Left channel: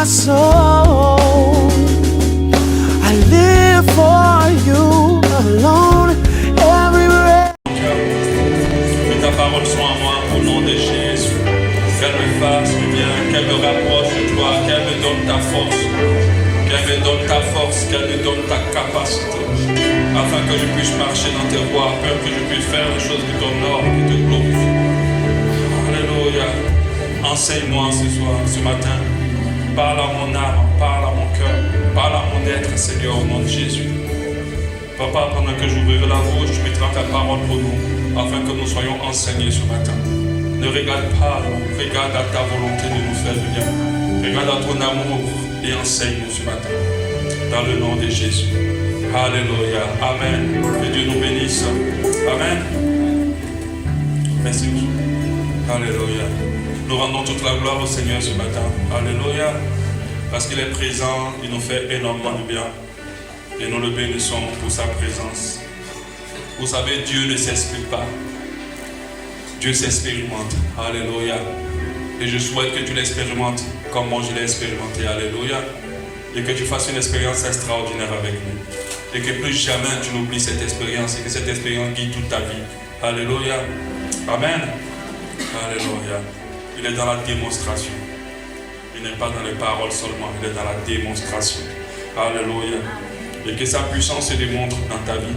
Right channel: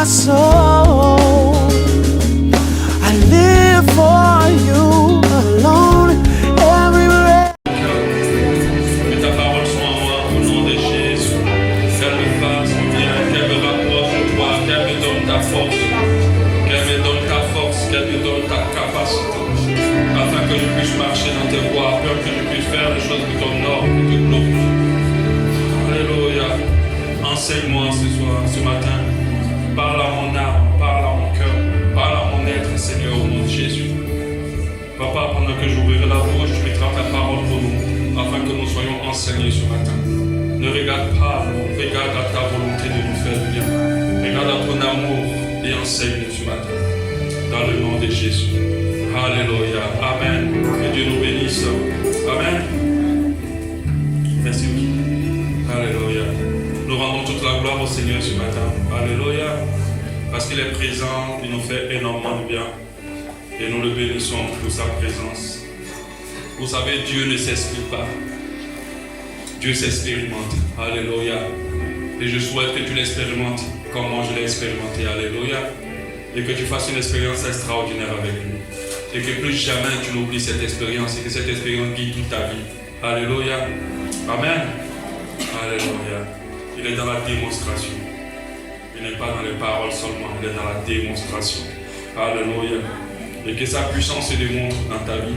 my soul. I live for you alone. Every breath. Que ta parole soit en moi au nom de Jésus. Qu'elle me fasse bien, qu'elle me rapproche de toi, qu'elle me donne ta force, qu'elle me donne ta force, qu'elle me donne ta capacité, afin que je puisse marcher dans tes voies, afin que je puisse faire les choses qui t'honorent, qui te glorifient. Alléluia. Enseigne-moi ce soir, ce matin. Parle à mon âme, parle à mon cœur, parle à mon être, Seigneur, au nom de Jésus. Papa, pendant que j'ouvrirai la bouche, tu mettras ta parole pour nous, afin que nous soyons enseignés ce matin. Ne regarde pas nous, regarde à ta volonté de nous faire du bien. Regarde à ton amour et enseigne-nous ce matin. Dans le nom de Jésus. Alléluia. Amen. Que Dieu nous bénisse. Amen. Merci. Alléluia. Nous rendons toute la gloire au Seigneur ce matin. Alléluia. Parce qu'il est présent, il nous fait énormément de bien. Et nous le bénissons pour sa présence. Vous savez, Dieu ne s'explique pas. Dieu s'expérimente. Alléluia. Et je souhaite que tu l'expérimentes comme moi je l'ai expérimenté. Alléluia. Et que tu fasses une expérience extraordinaire avec nous. Et que plus jamais tu n'oublies cette expérience. Et que cette expérience guide toute ta vie. Alléluia. Amen. Alléluia. Il est dans la démonstration. Il n'est pas dans les paroles seulement. Il est dans la démonstration. Alléluia. Et que sa puissance se démontre dans ta vie.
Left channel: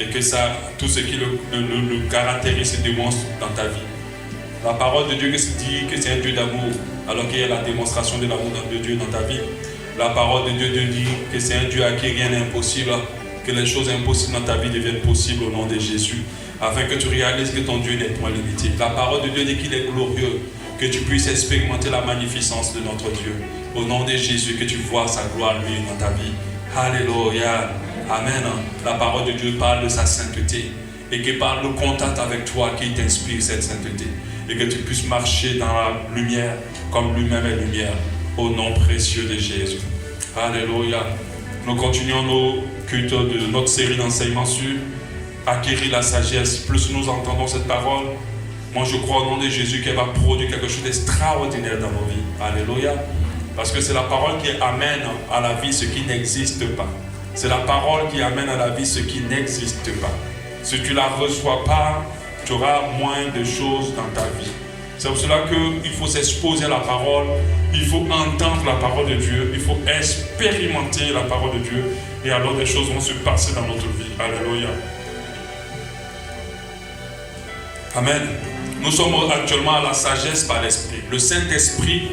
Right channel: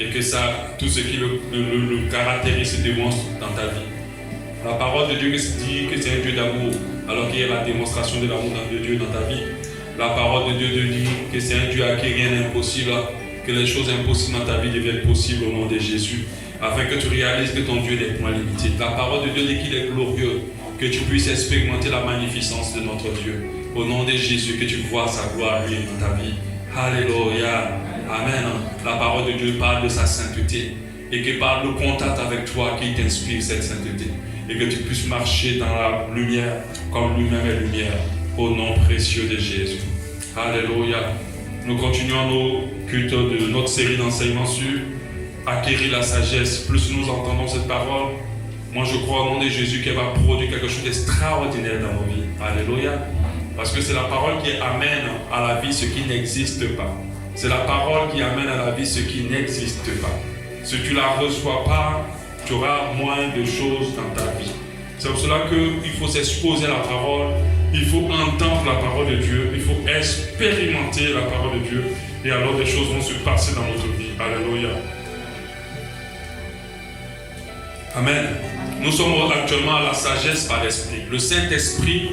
Et que tout ce qui le caractérise se démontre dans ta vie. La parole de Dieu dit que c'est un Dieu d'amour, alors qu'il y a la démonstration de l'amour de Dieu dans ta vie. La parole de Dieu te dit que c'est un Dieu à qui rien n'est impossible, que les choses impossibles dans ta vie deviennent possibles au nom de Jésus, afin que tu réalises que ton Dieu n'est point limité. La parole de Dieu dit qu'il est glorieux, que tu puisses expérimenter la magnificence de notre Dieu. Au nom de Jésus, que tu vois sa gloire lui dans ta vie. Alléluia. Amen. La parole de Dieu parle de sa sainteté et que par le contact avec toi qui t'inspire cette sainteté et que tu puisses marcher dans la lumière comme lui-même est lumière au nom précieux de Jésus. Alléluia. Nous continuons nos cultes de notre série d'enseignements sur acquérir la sagesse. Plus nous entendons cette parole, moi je crois au nom de Jésus qu'elle va produire quelque chose d'extraordinaire dans nos vies. Alléluia. Parce que c'est la parole qui amène à la vie ce qui n'existe pas. C'est la parole qui amène à la vie ce qui n'existe pas. Si tu ne la reçois pas, tu auras moins de choses dans ta vie. C'est pour cela qu'il faut s'exposer à la parole, il faut entendre la parole de Dieu, il faut expérimenter la parole de Dieu, et alors des choses vont se passer dans notre vie. Alléluia. Amen. Nous sommes actuellement à la sagesse par l'Esprit. Le Saint-Esprit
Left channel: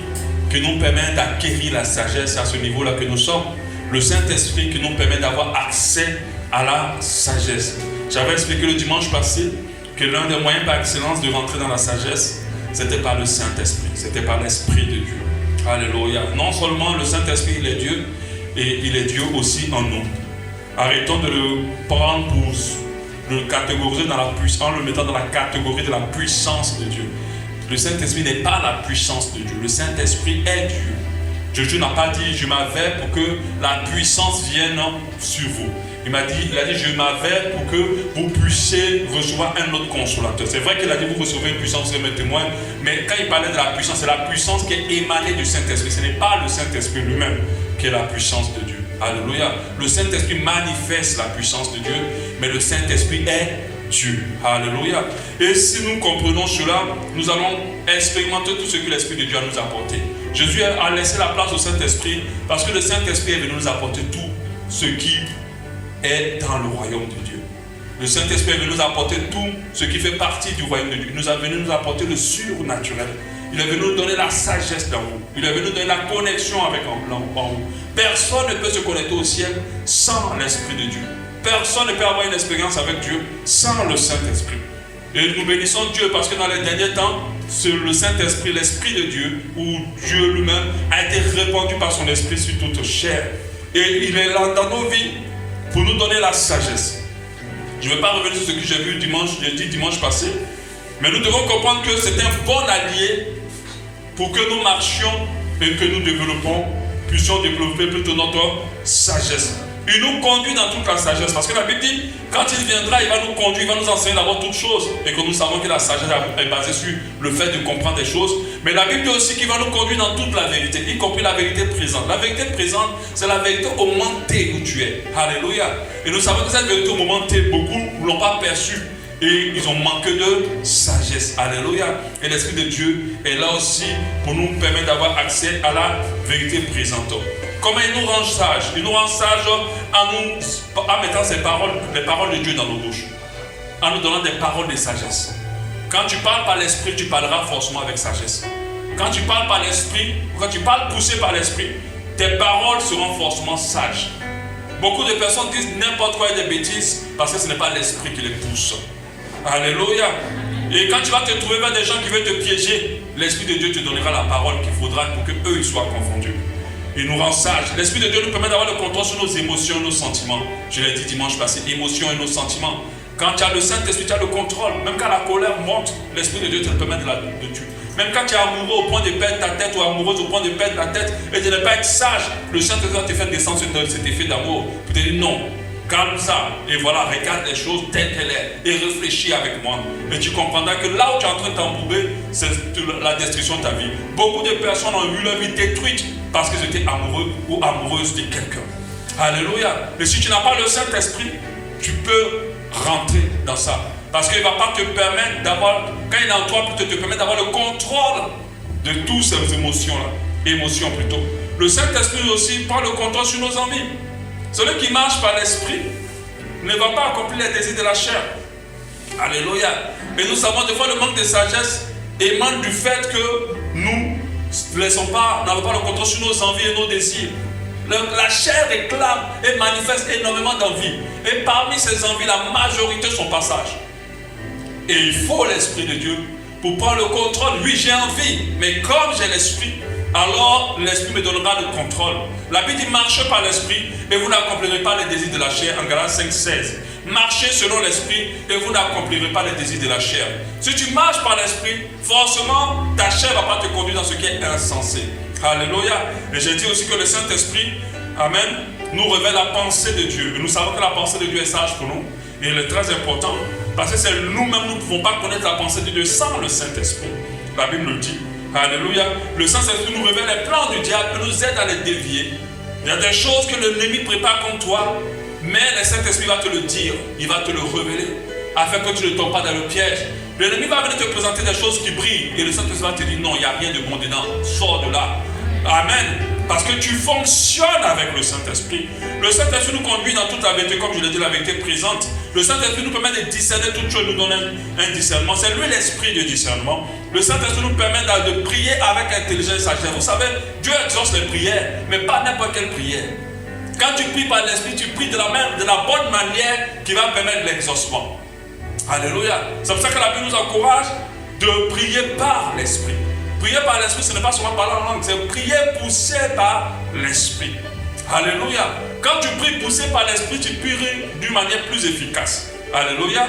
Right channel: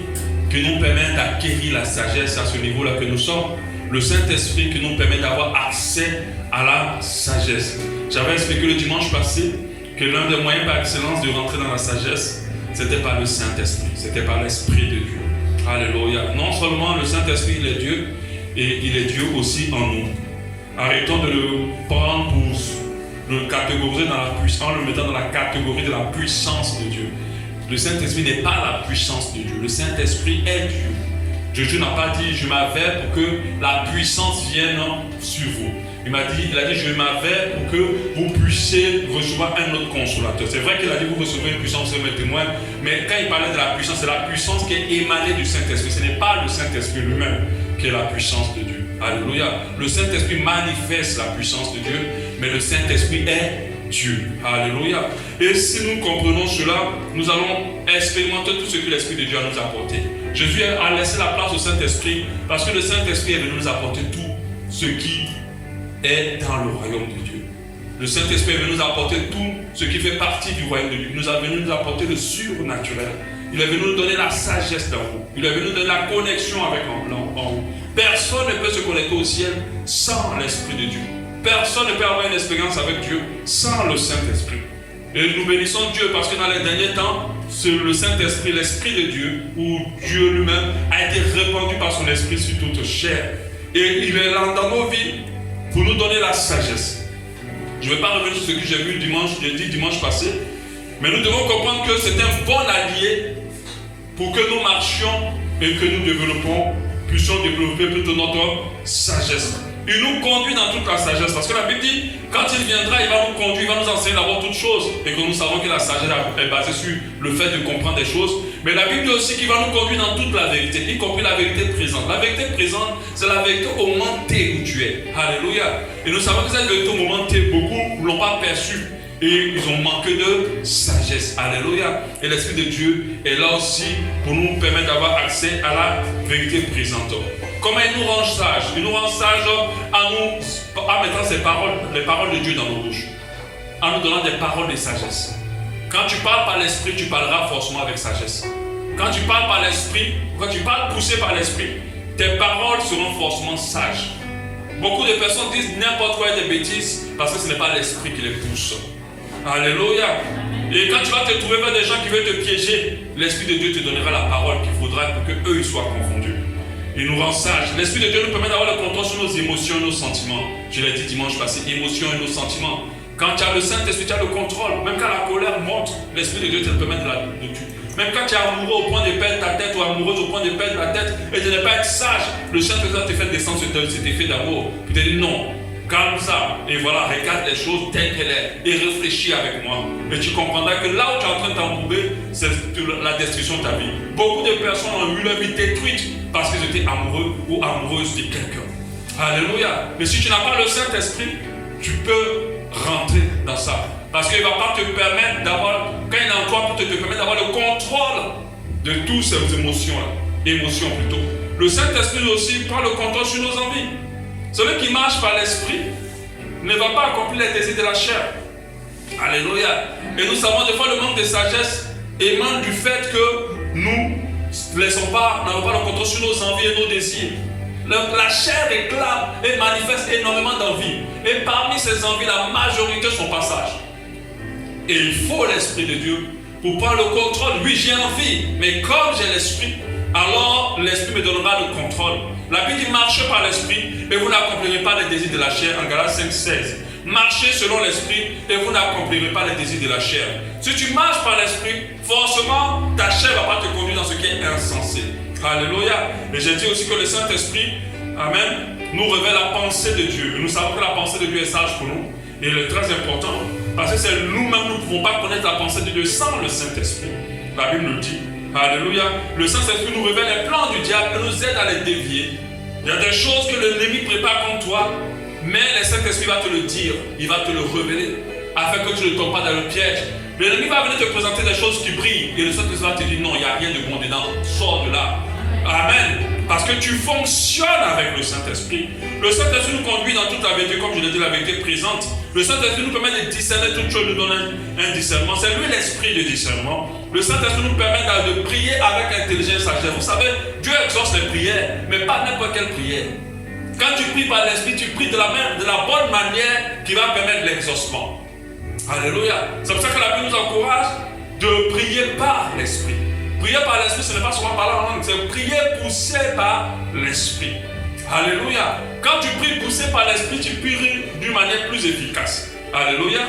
qui nous permet d'acquérir la sagesse à ce niveau-là que nous sommes. Le Saint-Esprit qui nous permet d'avoir accès à la sagesse. J'avais expliqué le dimanche passé que l'un des moyens par excellence de rentrer dans la sagesse, c'était par le Saint-Esprit, c'était par l'Esprit de Dieu. Alléluia. Non seulement le Saint-Esprit, il est Dieu, et il est Dieu aussi en nous. Arrêtons de le prendre pour le catégoriser dans la puissance, en le mettant dans la catégorie de la puissance de Dieu. Le Saint-Esprit n'est pas la puissance de Dieu. Le Saint-Esprit est Dieu. Jésus n'a pas dit je m'avais pour que la puissance vienne sur vous. Il a dit je m'avais pour que vous puissiez recevoir un autre consolateur. C'est vrai qu'il a dit vous recevez une puissance de mes témoins, mais quand il parlait de la puissance, c'est la puissance qui est émanée du Saint-Esprit. Ce n'est pas le Saint-Esprit lui-même qui est la puissance de Dieu. Alléluia. Le Saint-Esprit manifeste la puissance de Dieu, mais le Saint-Esprit est Dieu. Alléluia. Et si nous comprenons cela, nous allons expérimenter tout ce que l'Esprit de Dieu a nous apporté. Jésus a laissé la place au Saint-Esprit parce que le Saint-Esprit est venu nous apporter tout ce qui est dans le royaume de Dieu. Le Saint-Esprit est venu nous apporter tout ce qui fait partie du royaume de Dieu. Il nous a venu nous apporter le surnaturel. Il est venu nous donner la sagesse dans vous. Il est venu nous donner la connexion avec en vous. Personne ne peut se connecter au ciel sans l'Esprit de Dieu. Personne ne peut avoir une expérience avec Dieu sans le Saint-Esprit. Et nous bénissons Dieu parce que dans les derniers temps, le Saint-Esprit, l'Esprit de Dieu, ou Dieu lui-même, a été répandu par son Esprit sur toute chair. Et il est là dans nos vies pour nous donner la sagesse. Je ne vais pas revenir sur ce que j'ai vu dimanche passé, mais nous devons comprendre que c'est un bon allié pour que nous marchions et que nous puissions développer plutôt notre sagesse. Il nous conduit dans toute la sagesse. Parce que la Bible dit, quand il viendra, il va nous conduire, il va nous enseigner d'abord toutes choses. Et que nous savons que la sagesse est basée sur le fait de comprendre des choses. Mais la Bible dit aussi qu'il va nous conduire dans toute la vérité, y compris la vérité présente. La vérité présente, c'est la vérité au moment T où tu es. Alléluia. Et nous savons que cette vérité au moment T, beaucoup ne l'ont pas perçue. Et ils ont manqué de sagesse. Alléluia. Et l'Esprit de Dieu est là aussi pour nous permettre d'avoir accès à la vérité présente. Comment il nous rend sages? Il nous rend sages en mettant les paroles de Dieu dans nos bouches. En nous donnant des paroles de sagesse. Quand tu parles par l'Esprit, tu parleras forcément avec sagesse. Quand tu parles par l'Esprit, quand tu parles poussé par l'Esprit, tes paroles seront forcément sages. Beaucoup de personnes disent n'importe quoi et des bêtises parce que ce n'est pas l'Esprit qui les pousse. Alléluia. Et quand tu vas te trouver vers des gens qui veulent te piéger, l'Esprit de Dieu te donnera la parole qu'il faudra pour qu'eux ils soient confondus. Il nous rend sages. L'Esprit de Dieu nous permet d'avoir le contrôle sur nos émotions et nos sentiments. Je l'ai dit dimanche passé, émotions et nos sentiments. Quand tu as le Saint-Esprit, tu as le contrôle. Même quand la colère monte, l'Esprit de Dieu te permet de tuer. Même quand tu es amoureux au point de perdre ta tête ou amoureuse au point de perdre la tête et de ne pas être sage, le Saint-Esprit te fait descendre cet effet d'amour. Tu te dis non. Calme ça, et voilà, regarde les choses telles qu'elles sont, et réfléchis avec moi. Et tu comprendras que là où tu es en train de t'embourber, c'est la destruction de ta vie. Beaucoup de personnes ont eu leur vie détruite parce qu'ils étaient amoureux ou amoureuses de quelqu'un. Alléluia. Mais si tu n'as pas le Saint-Esprit, tu peux rentrer dans ça. Parce qu'il ne va pas te permettre d'avoir, quand il est en toi, pour te permettre d'avoir le contrôle de toutes ces émotions-là. Émotions plutôt. Le Saint-Esprit aussi prend le contrôle sur nos envies. Celui qui marche par l'Esprit ne va pas accomplir les désirs de la chair. Alléluia. Et nous savons des fois le manque de sagesse émane du fait que nous n'avons pas le contrôle sur nos envies et nos désirs. La chair réclame et manifeste énormément d'envie. Et parmi ces envies, la majorité sont passages. Et il faut l'Esprit de Dieu pour prendre le contrôle. Oui, j'ai envie, mais comme j'ai l'Esprit, alors l'Esprit me donnera le contrôle. La Bible dit marchez par l'Esprit et vous n'accomplirez pas les désirs de la chair. En Galates 5,16. Marchez selon l'Esprit et vous n'accomplirez pas les désirs de la chair. Si tu marches par l'Esprit, forcément ta chair ne va pas te conduire dans ce qui est insensé. Alléluia. Et j'ai dit aussi que le Saint-Esprit, amen, nous révèle la pensée de Dieu. Et nous savons que la pensée de Dieu est sage pour nous. Et elle est très importante parce que c'est nous-mêmes, nous ne pouvons pas connaître la pensée de Dieu sans le Saint-Esprit. La Bible nous dit. Alléluia. Le Saint-Esprit nous révèle les plans du diable et nous aide à les dévier. Il y a des choses que l'ennemi prépare contre toi, mais le Saint-Esprit va te le dire, il va te le révéler, afin que tu ne tombes pas dans le piège. L'ennemi va venir te présenter des choses qui brillent, et le Saint-Esprit va te dire non, il n'y a rien de bon dedans, sors de là. Amen. Parce que tu fonctionnes avec le Saint-Esprit. Le Saint-Esprit nous conduit dans toute la vérité, comme je l'ai dit, la vérité présente. Le Saint-Esprit nous permet de discerner toutes choses, nous donne un discernement. C'est lui l'esprit de discernement. Le Saint-Esprit nous permet de prier avec intelligence et sagesse. Vous savez, Dieu exauce les prières, mais pas n'importe quelle prière. Quand tu pries par l'esprit, tu pries de la bonne manière qui va permettre l'exaucement. Alléluia. C'est pour ça que la Bible nous encourage de prier par l'esprit. Prier par l'esprit, ce n'est pas seulement parler en langue, c'est prier poussé par l'esprit. Alléluia. Quand tu pries poussé par l'esprit, tu pries d'une manière plus efficace. Alléluia.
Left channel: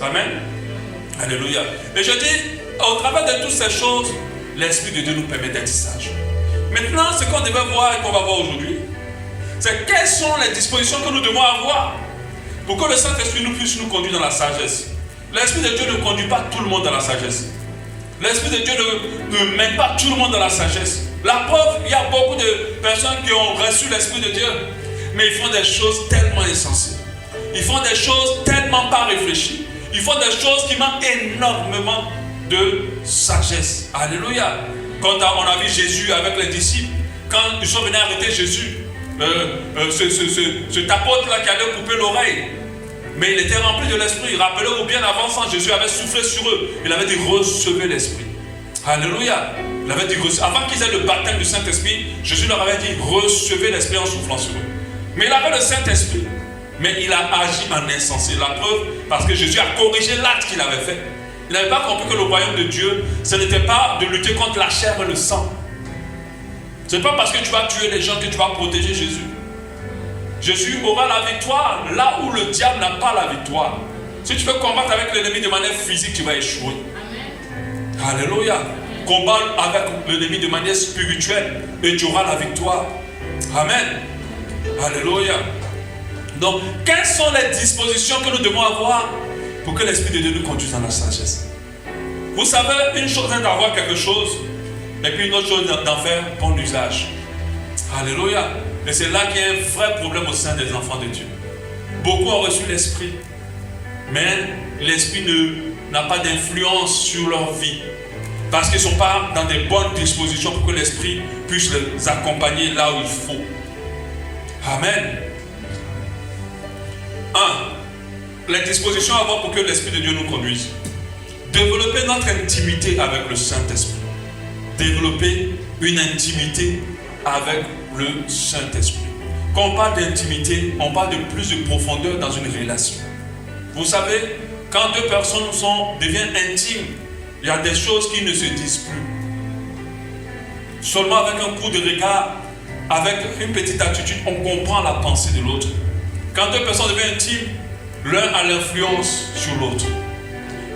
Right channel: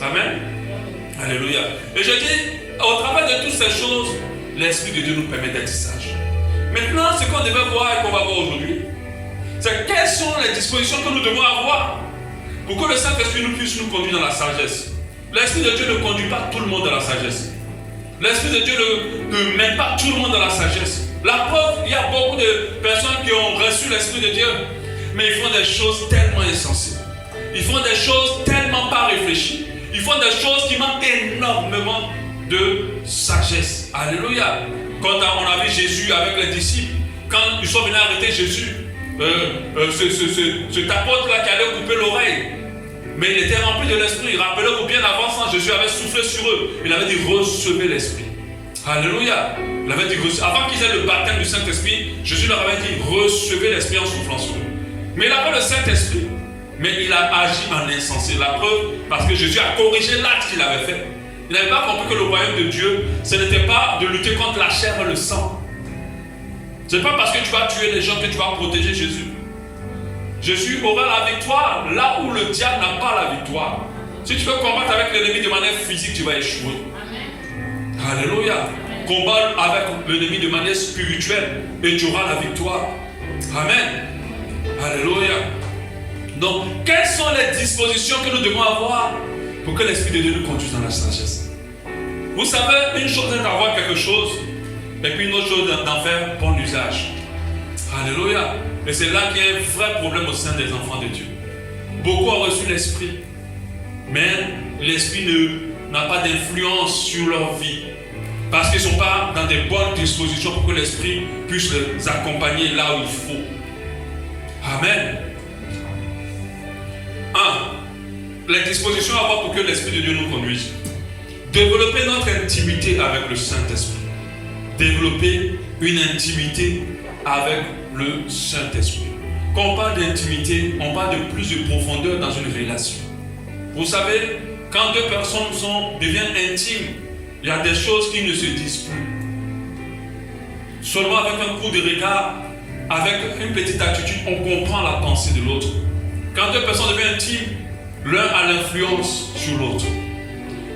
Amen. Alléluia. Et je dis, au travers de toutes ces choses, l'Esprit de Dieu nous permet d'être sages. Maintenant, ce qu'on devait voir et qu'on va voir aujourd'hui, c'est quelles sont les dispositions que nous devons avoir pour que le Saint-Esprit nous puisse nous conduire dans la sagesse. L'Esprit de Dieu ne conduit pas tout le monde dans la sagesse. L'Esprit de Dieu ne mène pas tout le monde dans la sagesse. La preuve, il y a beaucoup de personnes qui ont reçu l'Esprit de Dieu, mais ils font des choses tellement insensées. Ils font des choses tellement pas réfléchies. Ils font des choses qui manquent énormément de sagesse. Alléluia. Quand on a vu Jésus avec les disciples, quand ils sont venus arrêter Jésus, cet apôtre-là qui allait couper l'oreille, mais il était rempli de l'Esprit. Rappelez-vous, bien avant ça, Jésus avait soufflé sur eux. Il avait dit recevez l'Esprit. Alléluia. Il avait dit, avant qu'ils aient le baptême du Saint-Esprit, Jésus leur avait dit recevez l'Esprit en soufflant sur eux. Mais il avait le Saint-Esprit, mais il a agi en insensé. La preuve, parce que Jésus a corrigé l'acte qu'il avait fait. Il n'avait pas compris que le royaume de Dieu, ce n'était pas de lutter contre la chair et le sang. Ce n'est pas parce que tu vas tuer les gens que tu vas protéger Jésus. Jésus aura la victoire là où le diable n'a pas la victoire. Si tu veux combattre avec l'ennemi de manière physique, tu vas échouer. Amen. Alléluia. Combat avec l'ennemi de manière spirituelle et tu auras la victoire. Amen. Alléluia. Donc, quelles sont les dispositions que nous devons avoir pour que l'Esprit de Dieu nous conduise dans la sagesse? Vous savez, une chose est d'avoir quelque chose, et puis une autre chose d'en faire bon usage. Alléluia. Et c'est là qu'il y a un vrai problème au sein des enfants de Dieu. Beaucoup ont reçu l'Esprit, mais l'Esprit n'a pas d'influence sur leur vie. Parce qu'ils ne sont pas dans des bonnes dispositions pour que l'Esprit puisse les accompagner là où il faut. Amen. 1. Les dispositions à avoir pour que l'Esprit de Dieu nous conduise. Développer notre intimité avec le Saint-Esprit. Développer une intimité avec le Saint-Esprit. Quand on parle d'intimité, on parle de plus de profondeur dans une relation. Vous savez, quand deux personnes deviennent intimes, il y a des choses qui ne se disent plus. Seulement avec un coup de regard, avec une petite attitude, on comprend la pensée de l'autre. Quand deux personnes deviennent intimes, l'un a l'influence sur l'autre.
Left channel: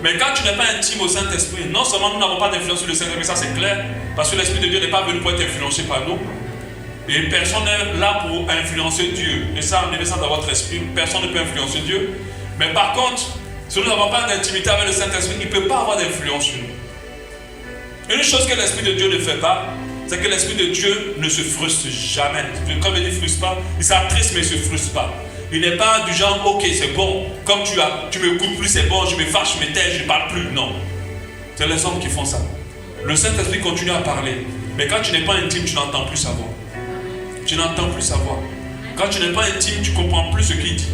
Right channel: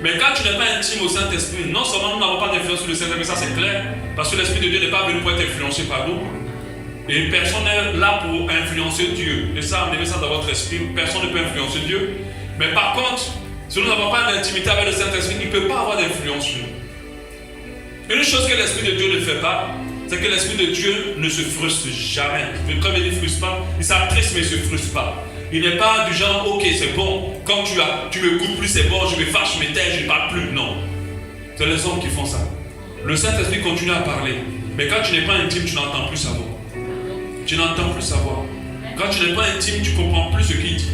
Mais quand tu n'es pas intime au Saint-Esprit, non seulement nous n'avons pas d'influence sur le Saint-Esprit, ça c'est clair, parce que l'Esprit de Dieu n'est pas venu pour être influencé par nous. Et personne n'est là pour influencer Dieu. Et ça, mettez ça dans votre esprit, personne ne peut influencer Dieu. Mais par contre, si nous n'avons pas d'intimité avec le Saint-Esprit, il ne peut pas avoir d'influence sur nous. Une chose que l'Esprit de Dieu ne fait pas, c'est que l'Esprit de Dieu ne se frustre jamais. Quand il dit frustre pas, il s'attriste mais il ne se frustre pas. Il n'est pas du genre, ok c'est bon, comme tu me coupes plus c'est bon, je me fâche, je me tais, je ne parle plus. Non. C'est les hommes qui font ça. Le Saint-Esprit continue à parler. Mais quand tu n'es pas intime, tu n'entends plus sa voix. Tu n'entends plus sa voix. Quand tu n'es pas intime, tu ne comprends plus ce qu'il dit.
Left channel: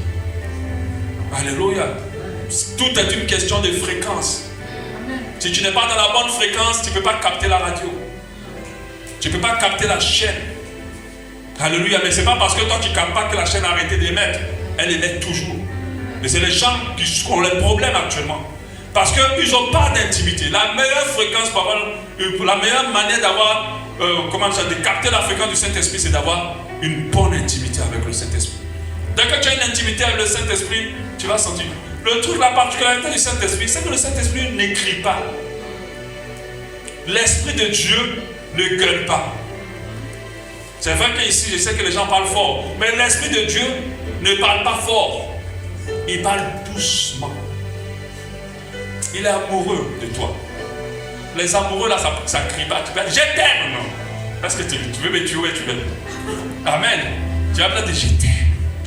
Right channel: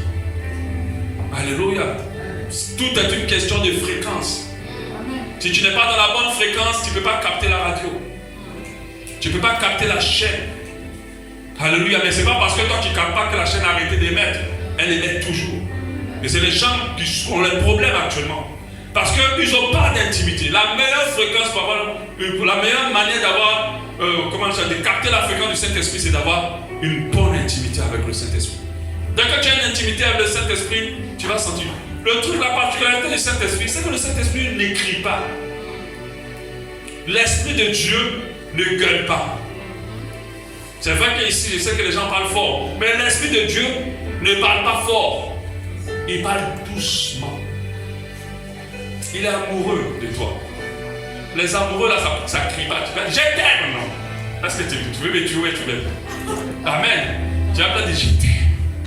Alléluia. Tout est une question de fréquence. Si tu n'es pas dans la bonne fréquence, tu ne peux pas capter la radio. Tu ne peux pas capter la chaîne. Alléluia. Mais ce n'est pas parce que toi tu ne captes pas que la chaîne a arrêté d'émettre. Elle émet toujours. Mais c'est les gens qui ont les problèmes actuellement. Parce qu'ils n'ont pas d'intimité. La meilleure fréquence, la meilleure manière d'avoir, de capter la fréquence du Saint-Esprit, c'est d'avoir une bonne intimité avec le Saint-Esprit. Dès que tu as une intimité avec le Saint-Esprit, tu vas sentir. Le truc, la particularité du Saint-Esprit, c'est que le Saint-Esprit n'écrit pas. L'Esprit de Dieu ne gueule pas. C'est vrai qu'ici, je sais que les gens parlent fort, mais l'Esprit de Dieu ne parle pas fort. Il parle doucement. Il est amoureux de toi. Les amoureux, là, ça crie pas. Tu peux dire, je t'aime, non? Est-ce que tu veux me tuer, tu veux? Amen. Tu vas pas dire, je t'aime.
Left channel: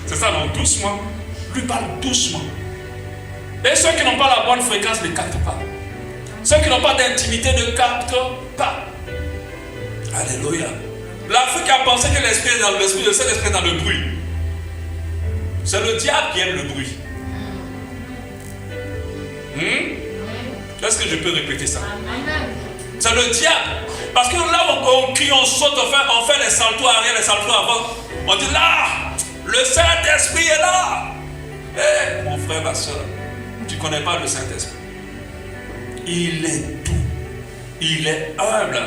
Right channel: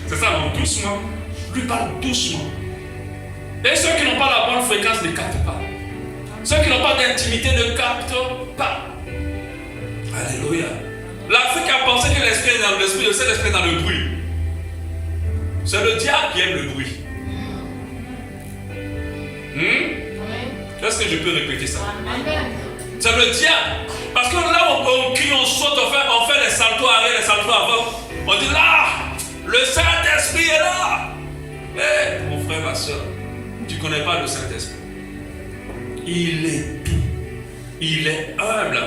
C'est ça, non? Doucement. Lui parle doucement. Et ceux qui n'ont pas la bonne fréquence ne captent pas. Ceux qui n'ont pas d'intimité ne captent pas. Alléluia. L'Afrique a pensé que l'esprit est dans l'esprit, le Saint-Esprit est dans le bruit. C'est le diable qui aime le bruit. Est-ce que je peux répéter ça? C'est le diable. Parce que là, on crie, on saute, on fait les saltos arrière, les saltos avant. On dit là, le Saint-Esprit est là. Eh, mon frère, ma soeur, tu ne connais pas le Saint-Esprit. Il est doux. Il est humble.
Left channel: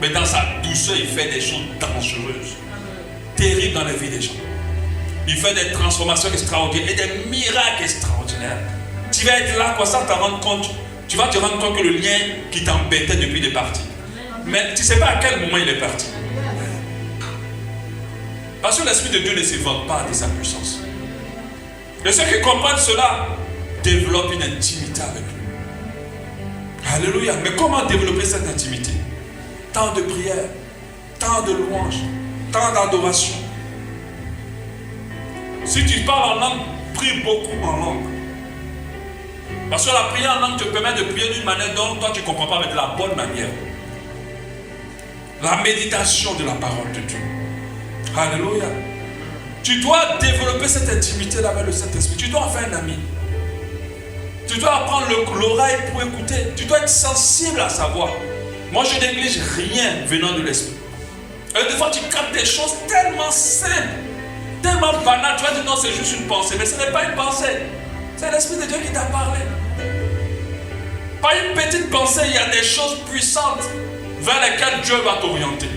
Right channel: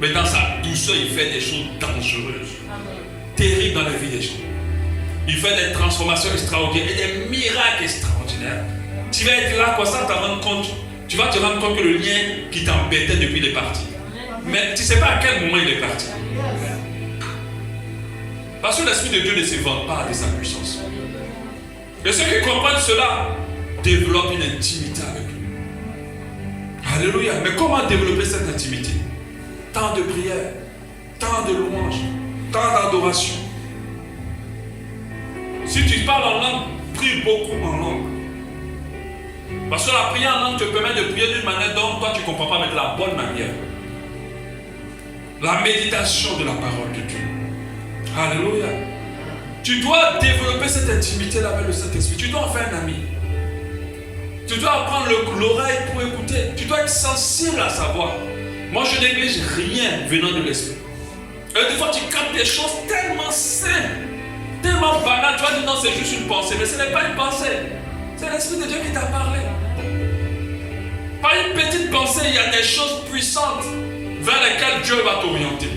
Mais dans sa douceur, il fait des choses dangereuses. Terribles dans la vie des gens. Il fait des transformations extraordinaires et des miracles extraordinaires. Tu vas être là, quoi, ça te rendre compte. Tu vas te rendre compte que le lien qui t'embêtait depuis il est parti. Mais tu ne sais pas à quel moment il est parti. Parce que l'Esprit de Dieu ne se vante pas de sa puissance. Et ceux qui comprennent cela développent une intimité avec lui. Alléluia. Mais comment développer cette intimité? Temps de prière, temps de louange, temps d'adoration. Si tu parles en langue, prie beaucoup en langue. Parce que la prière en langue te permet de prier d'une manière dont toi tu ne comprends pas, mais de la bonne manière. La méditation de la parole de Dieu. Alléluia. Tu dois développer cette intimité-là avec le Saint-Esprit. Tu dois en faire un ami. Tu dois apprendre l'oreille pour écouter. Tu dois être sensible à sa voix. Moi, je néglige rien venant de l'Esprit. Et des fois, tu captes des choses tellement simples, tellement banales. Tu vas dire non, c'est juste une pensée. Mais ce n'est pas une pensée. C'est l'Esprit de Dieu qui t'a parlé. Par une petite pensée, il y a des choses puissantes vers lesquelles Dieu va t'orienter.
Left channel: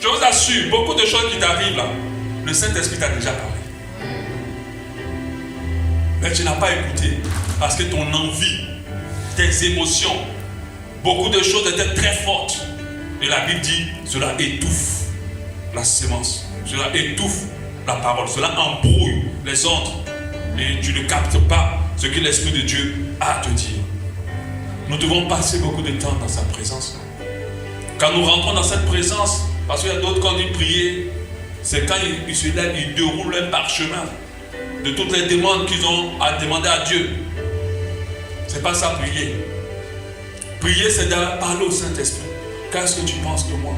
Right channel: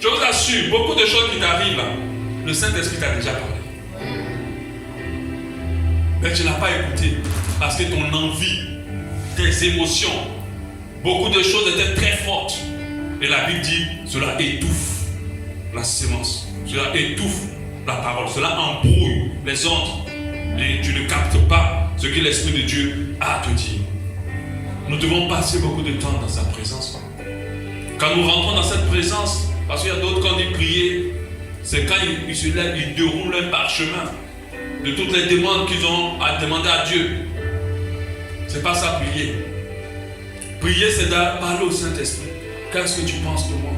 Je vous assure, beaucoup de choses qui t'arrivent là, le Saint-Esprit t'a déjà parlé. Mais tu n'as pas écouté parce que ton envie, tes émotions, beaucoup de choses étaient très fortes. Et la Bible dit, cela étouffe la sémence. Cela étouffe la parole. Cela embrouille les autres. Et tu ne captes pas ce que l'Esprit de Dieu a à te dire. Nous devons passer beaucoup de temps dans sa présence. Quand nous rentrons dans cette présence, parce qu'il y a d'autres qui ont dit prier, c'est quand ils déroulent un parchemin de toutes les demandes qu'ils ont à demander à Dieu. C'est pas ça prier. Prier, c'est de parler au Saint-Esprit. Qu'est-ce que tu penses de moi?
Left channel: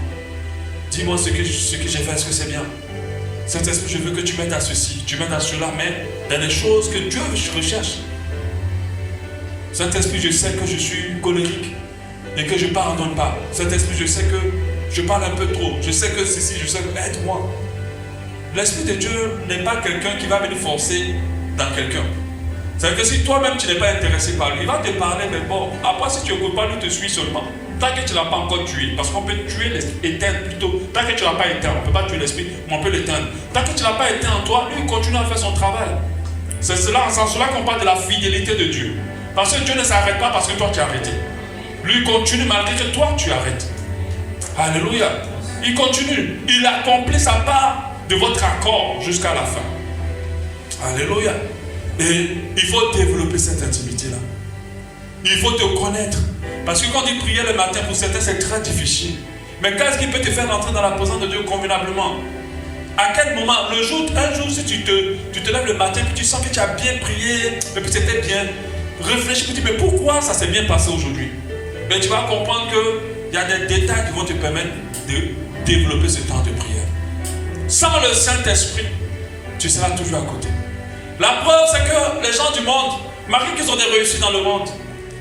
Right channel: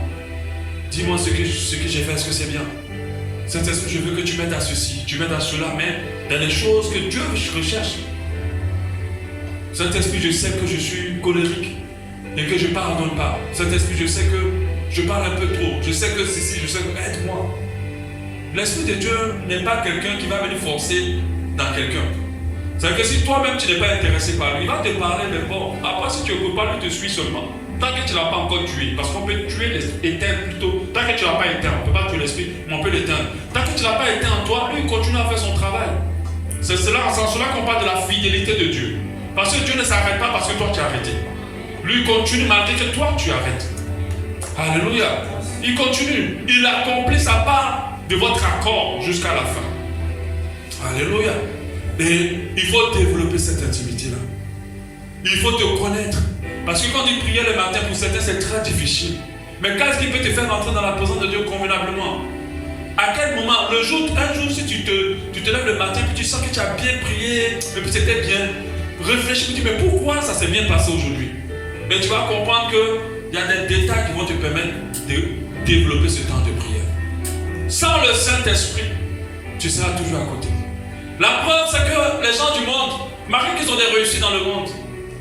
Dis-moi ce que j'ai fait, est-ce que c'est bien? Saint-Esprit, je veux que tu m'aides à ceci, tu m'aides à cela, mais dans des choses que Dieu recherche. Saint-Esprit, je sais que je suis colérique et que je ne pardonne pas. Saint-Esprit, je sais que je parle un peu trop. Je sais que ceci, je sais que aide-moi. L'Esprit de Dieu n'est pas quelqu'un qui va venir forcer dans quelqu'un. C'est-à-dire que si toi-même tu n'es pas intéressé par lui, il va te parler, mais bon, après si tu ne peux pas, lui te suit seulement. Tant que tu ne l'as pas encore tué, parce qu'on peut tuer l'éteindre plutôt. Tant que tu ne l'as pas éteint, on ne peut pas tuer l'esprit, mais on peut l'éteindre. Tant que tu ne l'as pas éteint en toi, lui il continue à faire son travail. C'est cela qu'on parle de la fidélité de Dieu. Parce que Dieu ne s'arrête pas parce que toi tu as arrêté. Lui il continue malgré que toi tu arrêtes. Alléluia. Il continue. Il accomplit sa part de votre accord jusqu'à la fin. Alléluia. Et il faut développer cette intimité-là. Il faut te connaître. Parce que quand il priait le matin, pour certains, c'est très difficile. Mais qu'est-ce qui peut te faire entrer dans la présence de Dieu convenablement? À quel moment? Un jour, si tu te lèves le matin, puis tu sens que tu as bien prié, et puis c'était bien, réfléchis, puis tu dis, mais pourquoi ça s'est bien passé aujourd'hui? Mais tu vas comprendre qu'il y a des détails qui vont te permettre de développer ce temps de prière. Sans le Saint-Esprit, tu seras toujours à côté. La preuve, c'est que les gens du monde, malgré qu'ils ont des réussites dans le monde,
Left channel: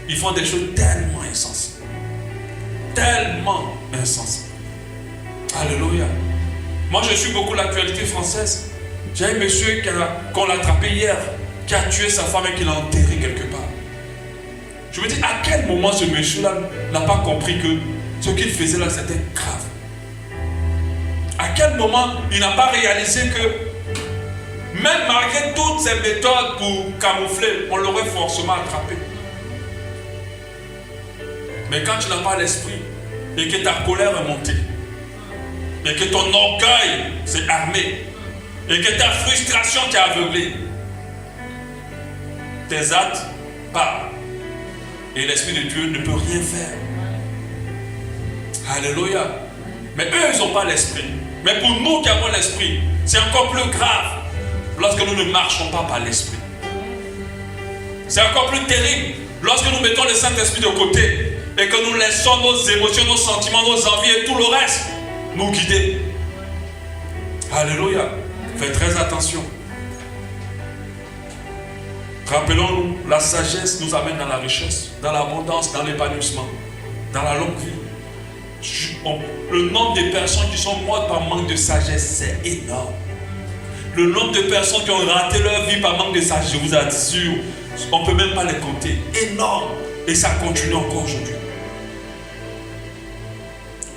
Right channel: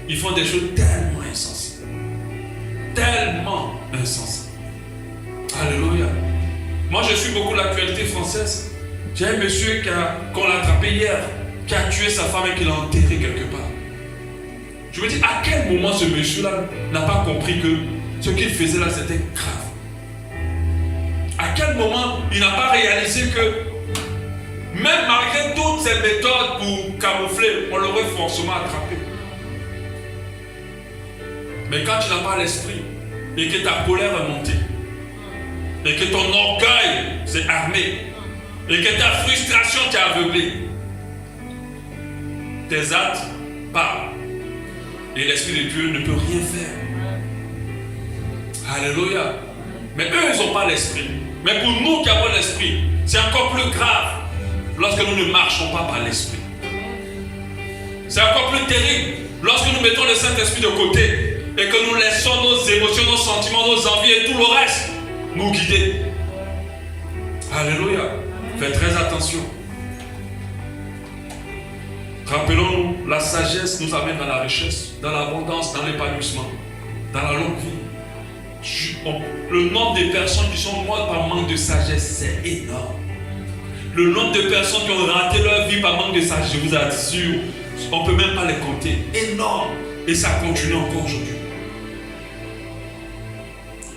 ils font des choses tellement insensées. Tellement insensées. Alléluia. Moi, je suis beaucoup l'actualité française. J'ai un monsieur qu'on l'a attrapé hier, qui a tué sa femme et qui l'a enterré quelque part. Je me dis, à quel moment ce monsieur-là n'a pas compris que ce qu'il faisait là, c'était grave? À quel moment il n'a pas réalisé que même malgré toutes ces méthodes pour camoufler, on l'aurait forcément attrapé. Mais quand tu n'as pas l'esprit et que ta colère est montée et que ton orgueil s'est armé et que ta frustration t'a aveuglé, tes actes parlent et l'Esprit de Dieu ne peut rien faire. Alléluia. Mais eux, ils n'ont pas l'esprit. Mais pour nous qui avons l'esprit, c'est encore plus grave lorsque nous ne marchons pas par l'esprit. C'est encore plus terrible lorsque nous mettons le Saint-Esprit de côté et que nous laissons nos émotions, nos sentiments, nos envies et tout le reste nous guider. Alléluia. Faites très attention. Rappelons-nous, la sagesse nous amène dans la richesse, dans l'abondance, dans l'épanouissement, dans la longue vie. Le nombre de personnes qui sont mortes par manque de sagesse, c'est énorme. Le nombre de personnes qui ont raté leur vie par manque de sagesse, je vous assure, on ne peut même pas les compter. Énorme. Et ça continue encore aujourd'hui.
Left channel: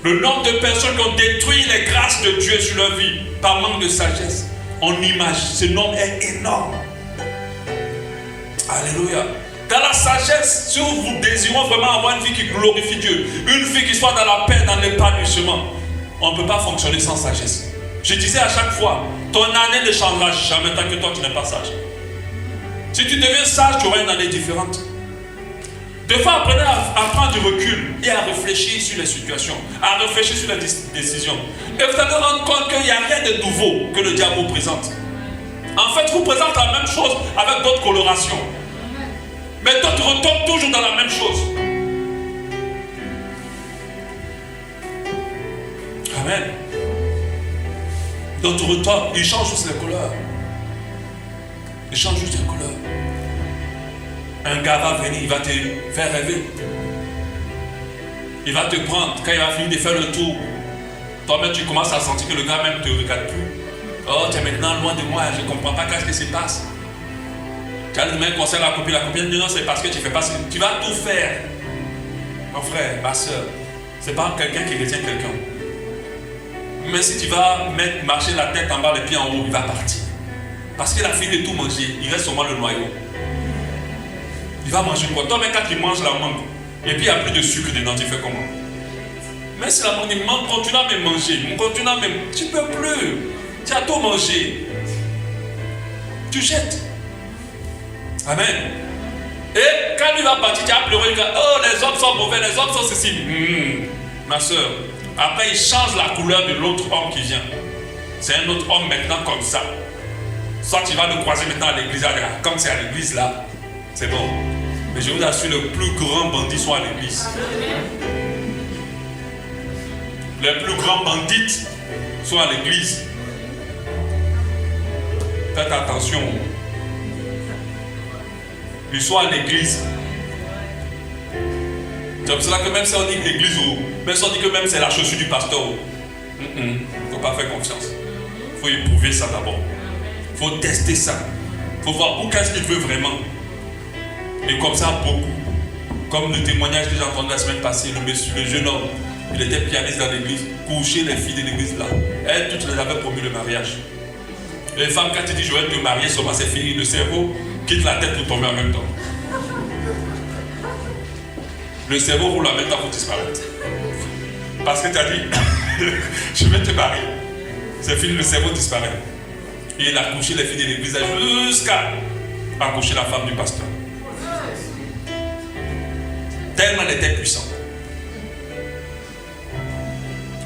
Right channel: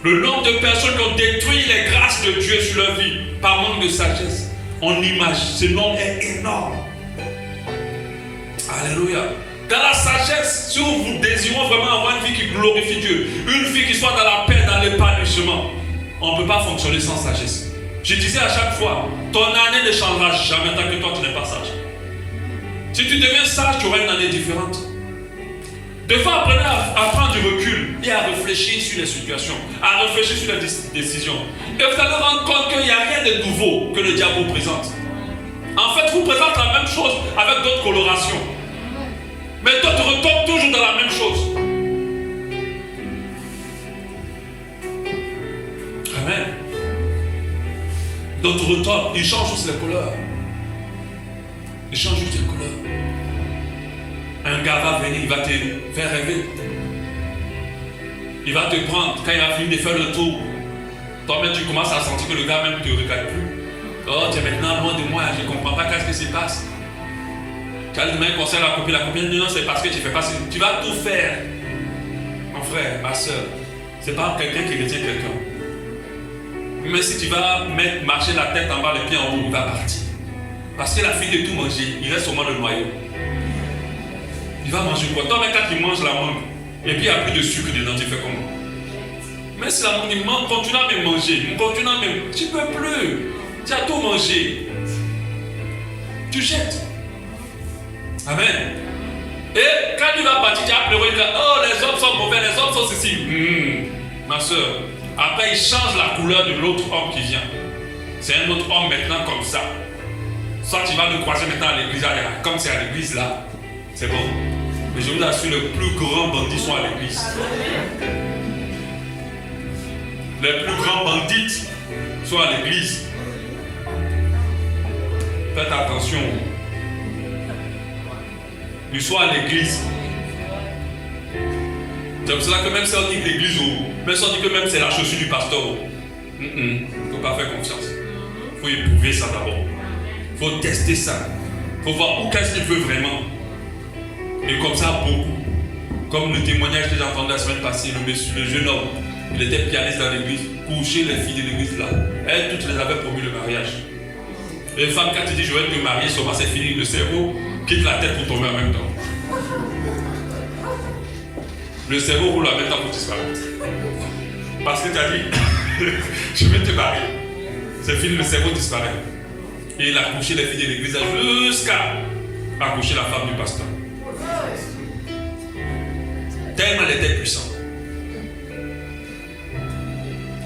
Le nombre de personnes qui ont détruit les grâces de Dieu sur leur vie par manque de sagesse, on imagine, ce nombre est énorme. Alléluia. Dans la sagesse, si vous désirez vraiment avoir une vie qui glorifie Dieu, une vie qui soit dans la paix, dans l'épanouissement, on ne peut pas fonctionner sans sagesse. Je disais à chaque fois, ton année ne changera jamais tant que toi tu n'es pas sage. Si tu deviens sage, tu auras une année différente. Des fois, apprenez à prendre du recul et à réfléchir sur les situations, à réfléchir sur les décisions. Et vous allez rendre compte qu'il n'y a rien de nouveau que le diable vous présente. En fait, vous présente la même chose avec d'autres colorations. Mais d'autres retombent toujours dans la même chose. Amen. D'autres retombent, ils changent juste les couleurs. Ils changent juste les couleurs. Un gars va venir, il va te faire rêver. Il va te prendre, quand il va finir de faire le tour, toi-même tu commences à sentir que le gars même ne te regarde plus. Oh, tu es maintenant loin de moi, je ne comprends pas qu'est-ce qui se passe. Tu as demain conseil à la copine dit non, c'est parce que tu fais pas. Tu vas tout faire. Mon frère, ma soeur, c'est pas quelqu'un qui retient quelqu'un. Mais si tu vas marcher la tête en bas, les pieds en haut, il va partir. Parce qu'il a fini de tout manger, il reste seulement le noyau. Il va manger quoi? Toi, même quand il mange la mangue, et puis il n'y a plus de sucre dedans, tu fais comment? Mais si la mangue, il mange, continue à me manger, continue à me... Tu ne peux plus. Tu as tout mangé. tu jettes. Amen. Et quand il va partir, tu as pleuré, oh les hommes sont mauvais, les hommes sont ceci. Ma soeur, après il change la couleur de l'autre homme qui vient. C'est un autre homme maintenant comme ça. Soit tu vas le croiser maintenant à l'église, comme c'est à l'église là, c'est bon. Mais je vous assure, les plus grands bandits sont à l'église. Les plus grands bandits sont à l'église. Faites attention. Ils sont à l'église. C'est pour cela que même si on dit que l'église, même si on dit que même c'est la chaussure du pasteur, il ne faut pas faire confiance. Il faut éprouver ça d'abord. Il faut tester ça. Il faut voir où qu'est-ce qu'il veut vraiment. Et comme ça, beaucoup. Comme le témoignage que j'ai entendu la semaine passée, le jeune homme, il était pianiste dans l'église, coucher les filles de l'église là. Elles toutes les avaient promis le mariage. Et les femmes, quand tu dis je vais te marier, c'est fini, le cerveau quitte la tête pour tomber en même temps. Le cerveau roule en même temps pour disparaître. Parce que tu as dit je vais te marier. C'est fini, le cerveau disparaît. Et il a couché les filles de l'église jusqu'à accoucher la femme du pasteur. Tellement elle était puissante.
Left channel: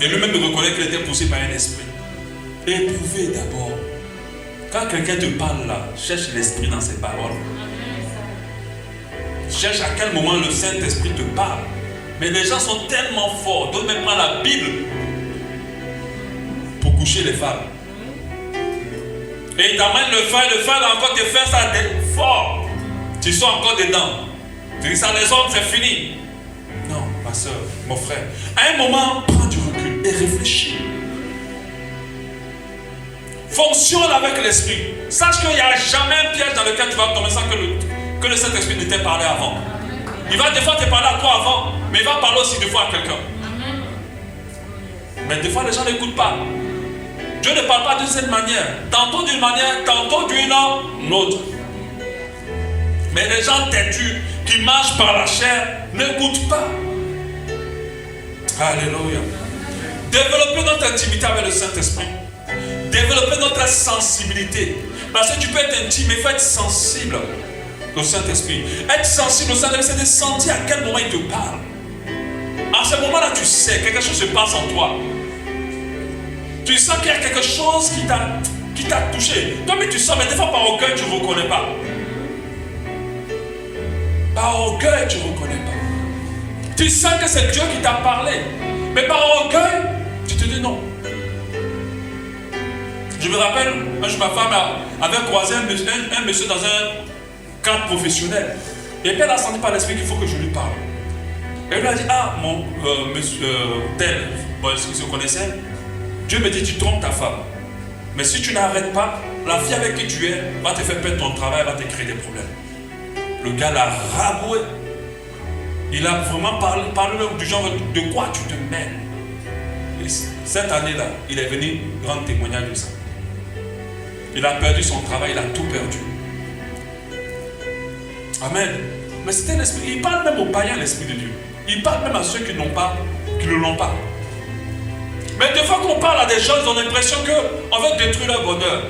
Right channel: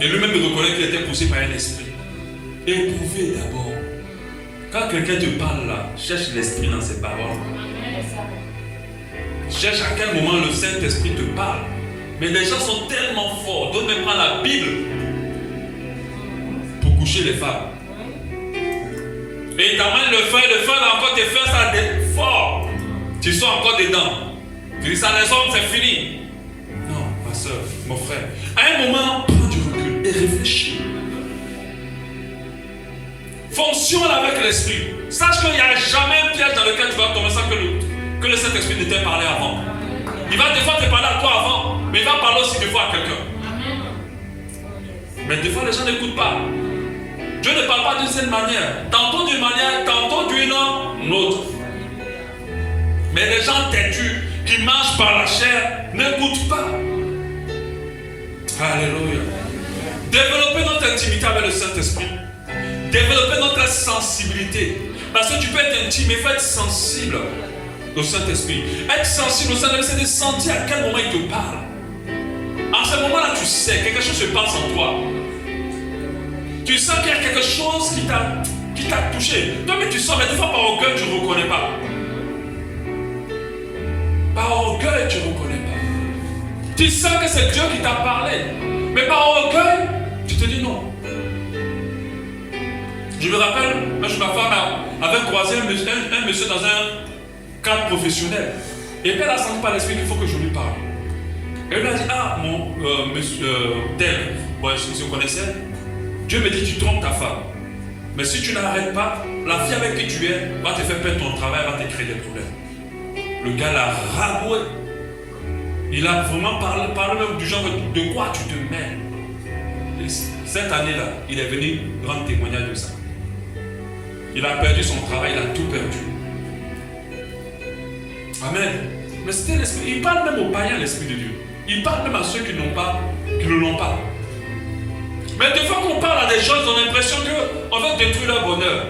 Et lui-même il reconnaît qu'il était poussé par un esprit. Éprouvez d'abord. Quand quelqu'un te parle là, cherche l'esprit dans ses paroles. Cherche à quel moment le Saint-Esprit te parle. Mais les gens sont tellement forts. D'autres même prennent la Bible pour coucher les femmes. Et ils t'amènent le fer va encore te faire ça fort. Tu sois encore dedans. Tu dis ça, les hommes, c'est fini. Non, ma soeur, mon frère. À un moment, prends du recul et réfléchis. Fonctionne avec l'esprit. Sache qu'il n'y a jamais un piège dans lequel tu vas tomber sans que le Saint-Esprit ne t'ait parlé avant. Il va des fois te parler à toi avant, mais il va parler aussi des fois à quelqu'un. Mais des fois, les gens n'écoutent pas. Dieu ne parle pas d'une certaine manière. Tantôt d'une manière, tantôt d'une autre. Mais les gens têtus qui marchent par la chair n'écoutent pas. Alléluia. Développer notre intimité avec le Saint-Esprit. Développer notre sensibilité. Parce que tu peux être intime, mais il faut être sensible au Saint-Esprit. Être sensible au Saint-Esprit, c'est de sentir à quel moment il te parle. En ce moment-là, tu sais, quelque chose se passe en toi. Tu sens qu'il y a quelque chose qui t'a touché. Toi, mais tu sens, mais des fois par orgueil, tu ne reconnais pas. Par orgueil, tu ne reconnais pas. Tu sens que c'est Dieu qui t'a parlé. Mais par orgueil, tu te dis non. Je me rappelle, ma femme avait croisé un monsieur dans un cadre professionnel. Et puis elle a senti par l'esprit qu'il faut que je lui parle. Et elle lui a dit, monsieur tel, bon, si vous connaissez, Dieu me dit, tu trompes ta femme. Mais si tu n'arrêtes pas, la fille avec qui tu es va te faire perdre ton travail, va te créer des problèmes. Le gars l'a raboué. Il a vraiment parlé du genre de quoi tu te mêles. Et cette année-là, il est venu rendre témoignage de ça. Il a perdu son travail, il a tout perdu. Amen. Mais c'était l'esprit. Il parle même aux païens, l'esprit de Dieu. Il parle même à ceux qui ne l'ont pas. Mais des fois qu'on parle à des gens, ils ont l'impression qu'on veut détruire leur bonheur.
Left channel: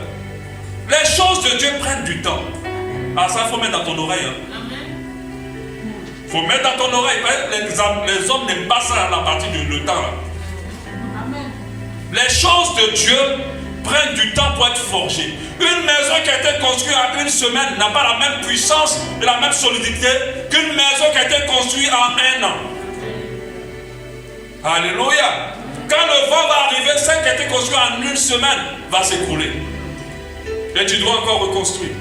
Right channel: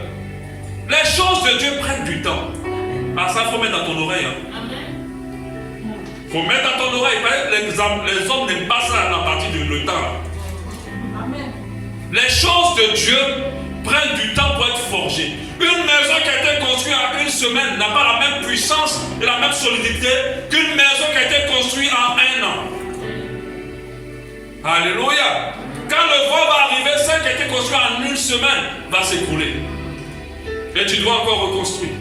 Les choses de Dieu prennent du temps. Ah, ça, il faut mettre dans ton oreille. Il faut mettre dans ton oreille. Les hommes n'aiment pas ça à partir du temps. Là. Amen. Les choses de Dieu prennent du temps pour être forgées. Une maison qui a été construite en une semaine n'a pas la même puissance et la même solidité qu'une maison qui a été construite en un an. Alléluia. Quand le vent va arriver, celle qui a été construite en une semaine va s'écrouler. Et tu dois encore reconstruire.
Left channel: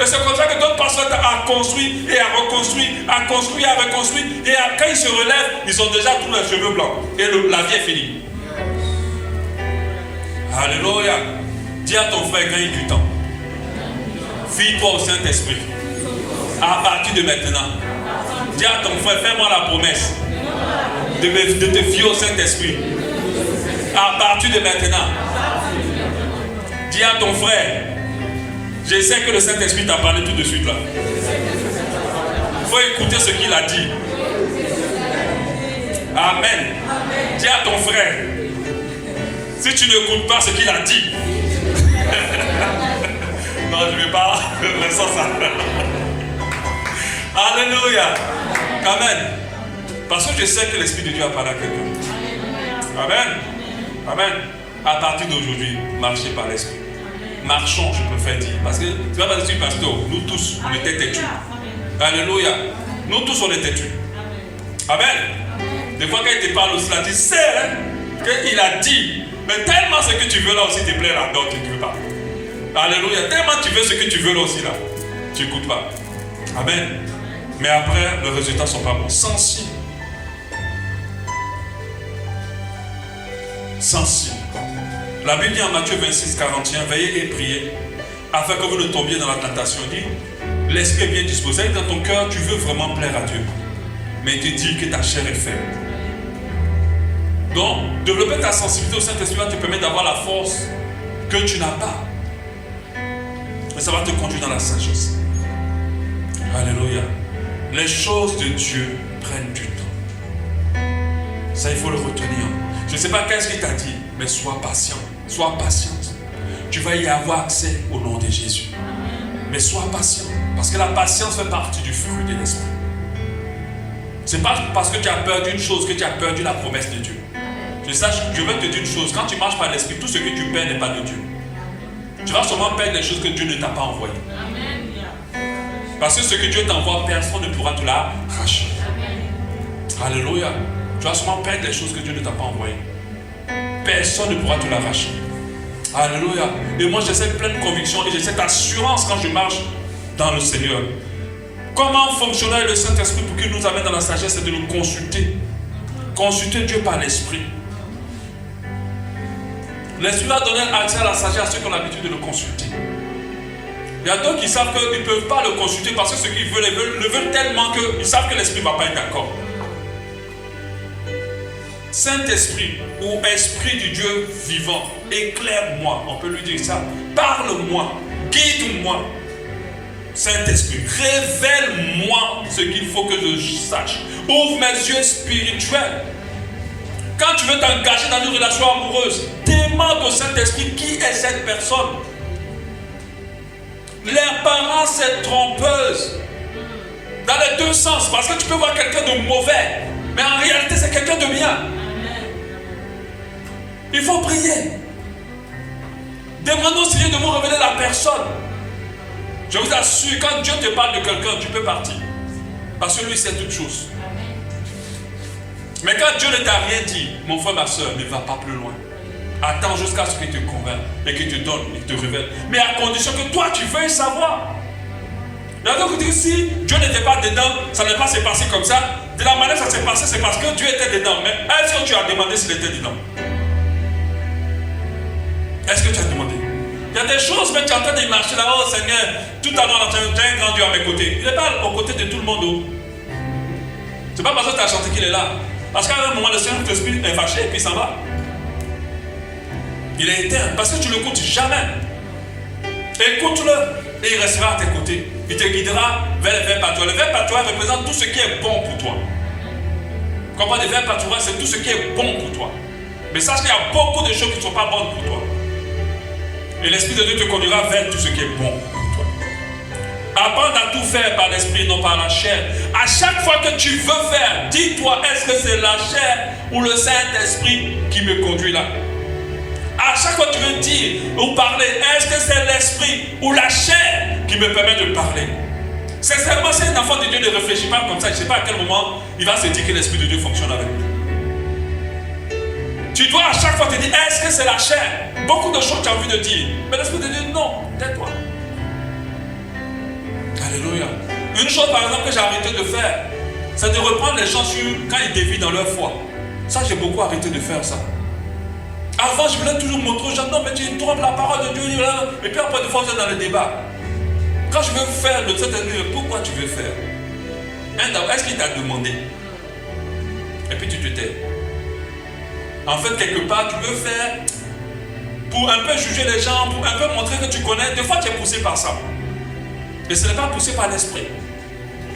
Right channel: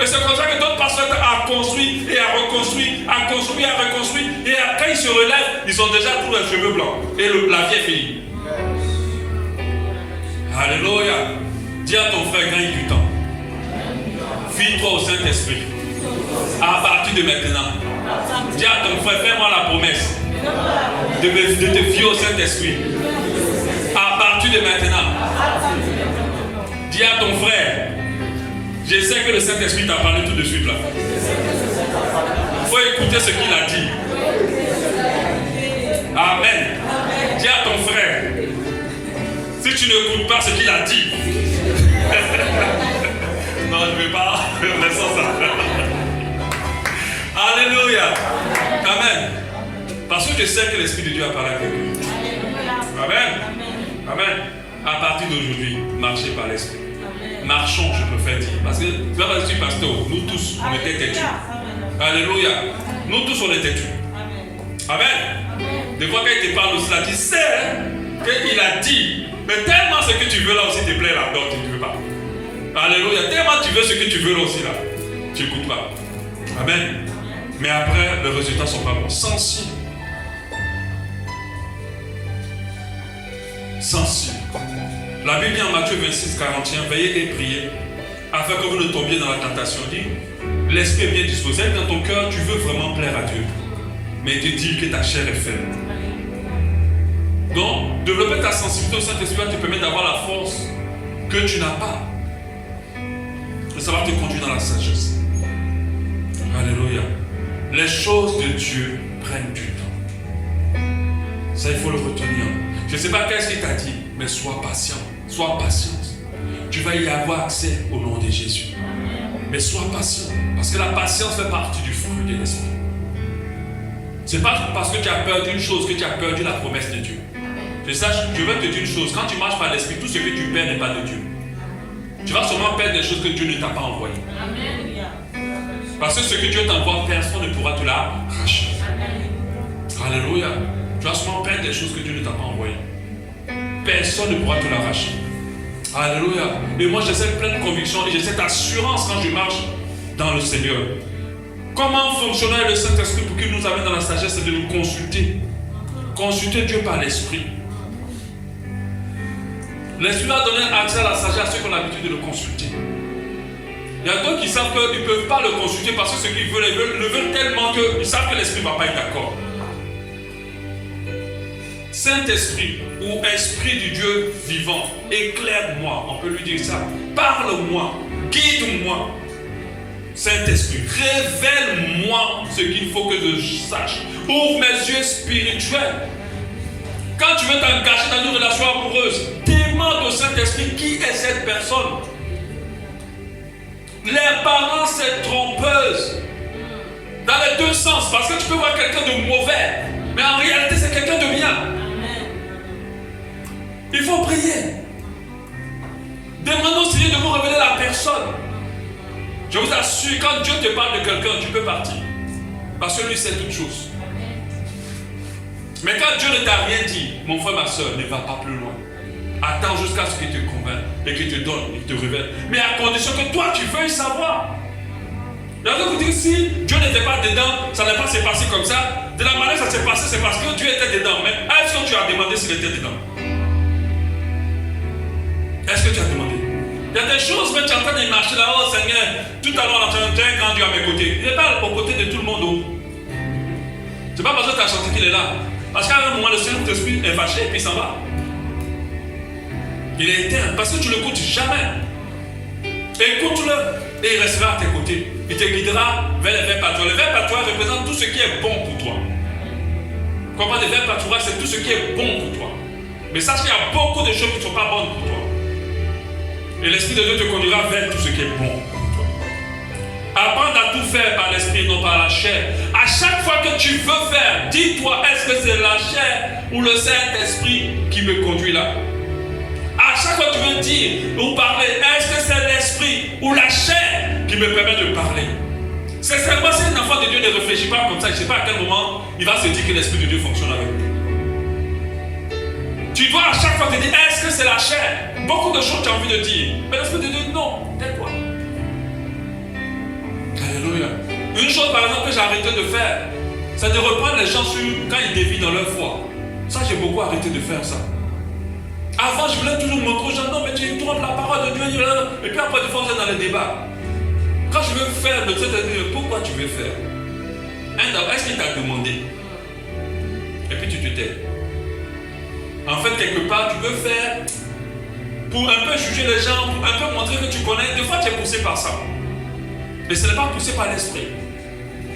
Et c'est comme ça que d'autres pasteurs ont construit et a reconstruit, a construit, a reconstruit. Et quand ils se relèvent, ils ont déjà tous les cheveux blancs. Et la vie est finie. Alléluia. Dis à ton frère, gagne du temps. Fie-toi au Saint-Esprit. À partir de maintenant. Dis à ton frère, fais-moi la promesse de te fier au Saint-Esprit. À partir de maintenant. Dis à ton frère, je sais que le Saint-Esprit t'a parlé tout de suite là. Il faut écouter ce qu'il a dit. Amen. Dis à ton frère, si tu n'écoutes pas ce qu'il a dit, Non, je ne vais pas. Laissons ça. Alléluia. Amen. Parce que je sais que l'Esprit de Dieu a parlé à quelqu'un. Amen. Amen. À partir d'aujourd'hui, marchez par l'Esprit. Marchons, je préfère dire. Parce que tu vas pas dire, pasteur, nous tous, on était têtus. Alléluia. Nous tous, on est têtus. Amen. Des fois, quand il te parle aussi, là, tu sais qu'il a dit. Mais tellement ce que tu veux là aussi te plaît là-dedans, tu ne veux pas. Alléluia. Tellement tu veux ce que tu veux là aussi là, tu n'écoutes pas. Amen. Mais après, les résultats ne sont pas bons. Sensible. Sensible. La Bible dit en Matthieu 26, 41, veillez et priez, afin que vous ne tombiez dans la tentation. Il dit, l'esprit est bien disposé. Dans ton cœur, tu veux vraiment plaire à Dieu. Mais tu dis que ta chair est faible. Donc, développer ta sensibilité au Saint-Esprit va te permettre d'avoir la force que tu n'as pas. Et ça va te conduire dans la sagesse. Alléluia. Les choses de Dieu prennent du temps. Ça, il faut le retenir. Je ne sais pas qu'est-ce qu'il t'a dit, mais sois patient. Sois patiente. Tu vas y avoir accès au nom de Jésus. Mais sois patient. Parce que la patience fait partie du fruit de l'esprit. Ce n'est pas parce que tu as peur d'une chose que tu as perdu la promesse de Dieu. Je veux te dire une chose. Quand tu marches par l'esprit, tout ce que tu perds n'est pas de Dieu. Tu vas seulement perdre des choses que Dieu ne t'a pas envoyées. Parce que ce que Dieu t'envoie, personne ne pourra te l'arracher. Alléluia. Tu vas seulement perdre des choses que Dieu ne t'a pas envoyées. Personne ne pourra te l'arracher. Alléluia. Et moi j'ai cette pleine conviction et j'ai cette assurance quand je marche dans le Seigneur. Comment fonctionner le Saint-Esprit pour qu'il nous amène dans la sagesse? C'est de nous consulter. Consulter Dieu par l'Esprit. L'Esprit va donner accès à la sagesse à ceux qui ont l'habitude de le consulter. Il y a d'autres qui savent qu'ils ne peuvent pas le consulter parce que ce qu'ils veulent, le veulent tellement qu'ils savent que l'Esprit ne va pas être d'accord. Saint-Esprit ou Esprit du Dieu vivant, éclaire-moi, on peut lui dire ça. Parle-moi, guide-moi. Saint-Esprit, révèle-moi ce qu'il faut que je sache. Ouvre mes yeux spirituels. Quand tu veux t'engager dans une relation amoureuse, demande au Saint-Esprit qui est cette personne. L'apparence est trompeuse. Dans les deux sens, parce que tu peux voir quelqu'un de mauvais, mais en réalité c'est quelqu'un de bien. Il faut prier. Demandons au Seigneur de vous révéler la personne. Je vous assure, quand Dieu te parle de quelqu'un, tu peux partir. Parce que lui sait toutes choses. Mais quand Dieu ne t'a rien dit, mon frère, ma soeur, ne va pas plus loin. Attends jusqu'à ce qu'il te convainc et qu'il te donne, il te révèle. Mais à condition que toi, tu veuilles savoir. D'accord, vous dites, si Dieu n'était pas dedans, ça n'est pas s'est passé comme ça. De la manière dont ça s'est passé, c'est parce que Dieu était dedans. Mais est-ce que tu as demandé s'il était dedans? Est-ce que tu as demandé? Il y a des choses, mais tu es en train de marcher là, oh Seigneur, tout à l'heure, tu as un grand Dieu à mes côtés. Il n'est pas aux côtés de tout le monde. C'est pas parce que tu as chanté qu'il est là. Parce qu'à un moment, le Seigneur t'esprit est fâché et puis il s'en va. Il est éternel parce que tu ne l'écoutes jamais. Écoute-le et il restera à tes côtés. Il te guidera vers le verbe patois. Le verbe patois représente tout ce qui est bon pour toi. Quand on parle de verbe patois, c'est tout ce qui est bon pour toi. Mais sache qu'il y a beaucoup de choses qui ne sont pas bonnes pour toi. Et l'Esprit de Dieu te conduira vers tout ce qui est bon pour toi. Apprendre à tout faire par l'Esprit, non par la chair. À chaque fois que tu veux faire, dis-toi, est-ce que c'est la chair ou le Saint-Esprit qui me conduit là? À chaque fois que tu veux dire ou parler, est-ce que c'est l'Esprit ou la chair qui me permet de parler? Sincèrement, si un enfant de Dieu ne réfléchit pas comme ça, je ne sais pas à quel moment il va se dire que l'Esprit de Dieu fonctionne avec lui. Tu dois à chaque fois te dire, est-ce que c'est la chair? Beaucoup de choses tu as envie de dire. Mais l'Esprit de Dieu, non, tais-toi. Alléluia. Une chose par exemple que j'ai arrêté de faire, c'est de reprendre les gens sur quand ils dévient dans leur foi. Ça, j'ai beaucoup arrêté de faire ça. Avant, je voulais toujours montrer aux gens, non, mais tu trompes la parole de Dieu. Et puis après, des fois, vous êtes dans les débats. Quand je veux faire le Saint-Esprit, pourquoi tu veux faire? Est-ce qu'il t'a demandé? Et puis tu te tais. En fait, quelque part, tu veux faire pour un peu juger les gens, pour un peu montrer que tu connais. Des fois, tu es poussé par ça. Mais ce n'est pas poussé par l'esprit.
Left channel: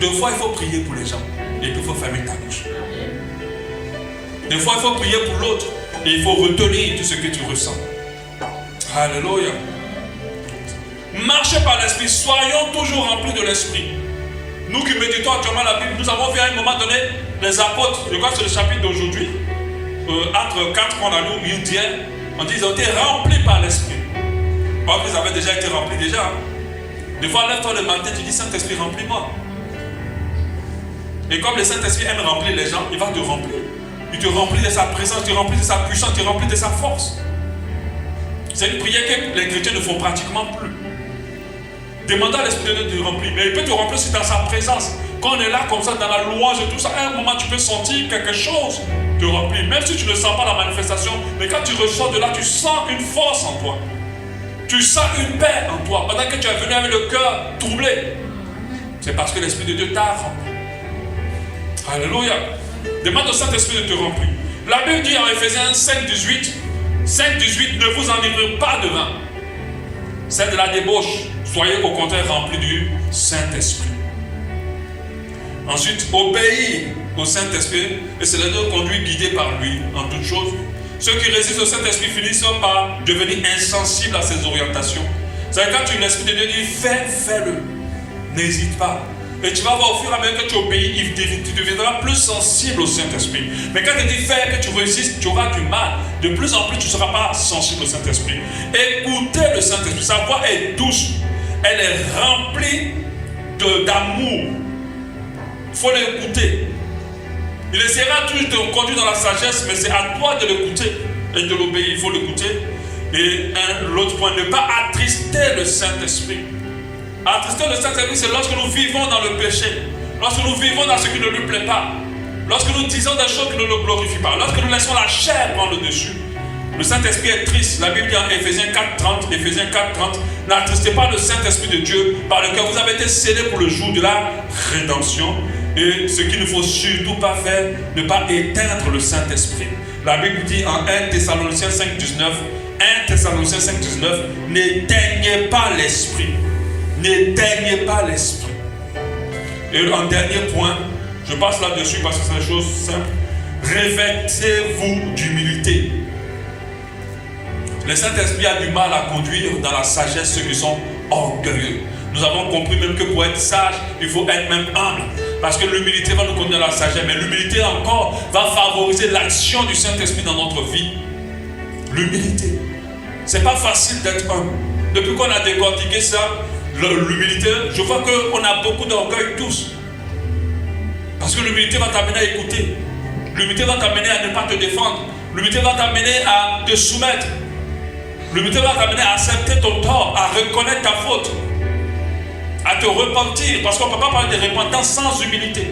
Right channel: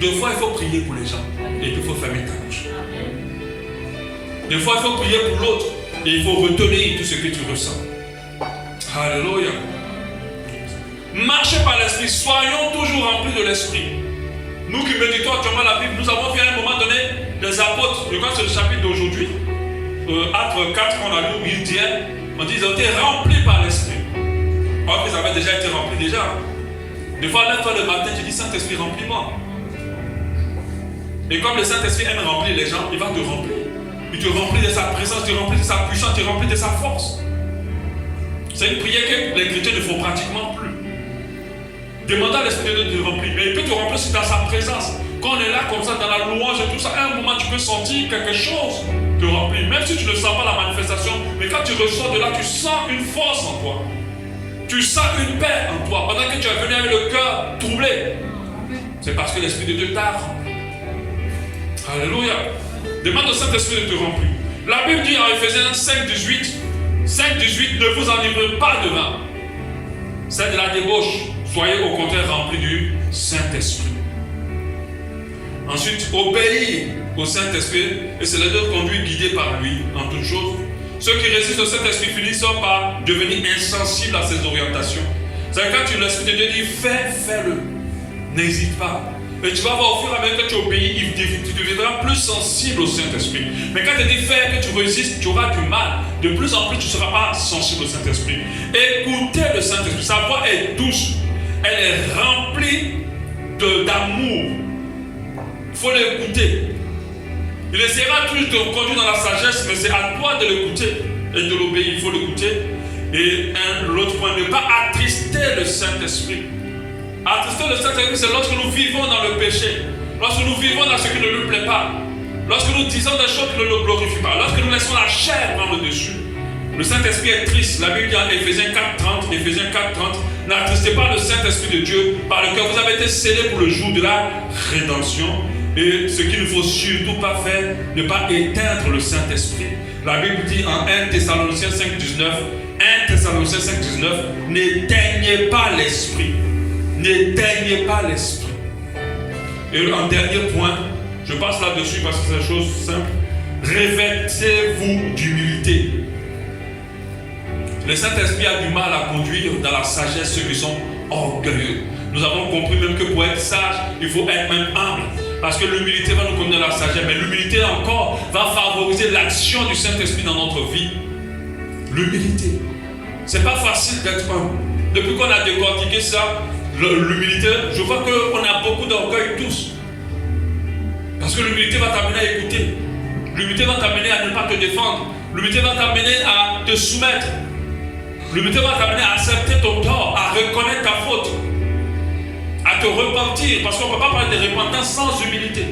Des fois, il faut prier pour les gens. Et puis, il faut fermer ta bouche. Des fois, il faut prier pour l'autre. Et il faut retenir tout ce que tu ressens. Alléluia. Marchez par l'esprit. Soyons toujours remplis de l'esprit. Nous qui méditons actuellement la Bible, nous avons vu à un moment donné les apôtres, je crois que c'est le chapitre d'aujourd'hui, Actes 4 qu'on a lu, ils disent, on dit ils ont été remplis par l'esprit. Alors qu'ils avaient déjà été remplis déjà. Hein. Des fois, lève-toi le matin, tu dis Saint-Esprit, remplis-moi. Et comme le Saint-Esprit aime remplir les gens, il va te remplir. Il te remplit de sa présence, il te remplit de sa puissance, il te remplit de sa force. C'est une prière que les chrétiens ne font pratiquement plus. Demande à l'Esprit de Dieu de te remplir. Mais il peut te remplir aussi dans sa présence. Quand on est là comme ça, dans la louange et tout ça, à un moment tu peux sentir quelque chose te remplir. Même si tu ne sens pas la manifestation, mais quand tu ressors de là, tu sens une force en toi. Tu sens une paix en toi. Pendant que tu es venu avec le cœur troublé. C'est parce que l'Esprit de Dieu t'a rempli. Alléluia. Demande au Saint-Esprit de te remplir. La Bible dit en Éphésiens 5:18, 5:18, ne vous enivrez pas de vin. C'est de la débauche. Soyez au contraire remplis du Saint-Esprit. Ensuite, obéir au Saint-Esprit et se laisser conduire guidé par lui en toutes choses. Ceux qui résistent au Saint-Esprit finissent par devenir insensibles à ses orientations. C'est-à-dire quand l'Esprit de Dieu dit fais-le. N'hésite pas. Et tu vas voir au fur et à mesure que tu obéis, tu deviendras plus sensible au Saint-Esprit. Mais quand tu dis fais, que tu résistes, tu auras du mal. De plus en plus, tu ne seras pas sensible au Saint-Esprit. Écoutez le Saint-Esprit. Sa voix est douce. Elle est remplie d'amour. Il faut l'écouter. Il essaiera toujours de te conduire dans la sagesse, mais c'est à toi de l'écouter et de l'obéir. Il faut l'écouter. Et l'autre point, ne pas attrister le Saint-Esprit. Attrister le Saint-Esprit, c'est lorsque nous vivons dans le péché, lorsque nous vivons dans ce qui ne lui plaît pas, lorsque nous disons des choses qui ne le glorifient pas, lorsque nous laissons la chair prendre le dessus. Le Saint-Esprit est triste. La Bible dit en Éphésiens 4:30, n'attristez pas le Saint-Esprit de Dieu par lequel vous avez été scellés pour le jour de la rédemption. Et ce qu'il ne faut surtout pas faire, ne pas éteindre le Saint-Esprit. La Bible dit en 1 Thessaloniciens 5:19, n'éteignez pas l'Esprit. N'éteignez pas l'Esprit. Et en dernier point, je passe là-dessus parce que c'est une chose simple. Revêtez-vous d'humilité. Le Saint-Esprit a du mal à conduire dans la sagesse ceux qui sont orgueilleux. Nous avons compris même que pour être sage, il faut être même humble. Parce que l'humilité va nous conduire à la sagesse. Mais l'humilité encore va favoriser l'action du Saint-Esprit dans notre vie. L'humilité. C'est pas facile d'être humble. Depuis qu'on a décortiqué ça, l'humilité, je vois qu'on a beaucoup d'orgueil tous. Parce que l'humilité va t'amener à écouter. L'humilité va t'amener à ne pas te défendre. L'humilité va t'amener à te soumettre. L'humilité va t'amener à accepter ton tort, à reconnaître ta faute, à te repentir. Parce qu'on ne peut pas parler de repentance sans humilité.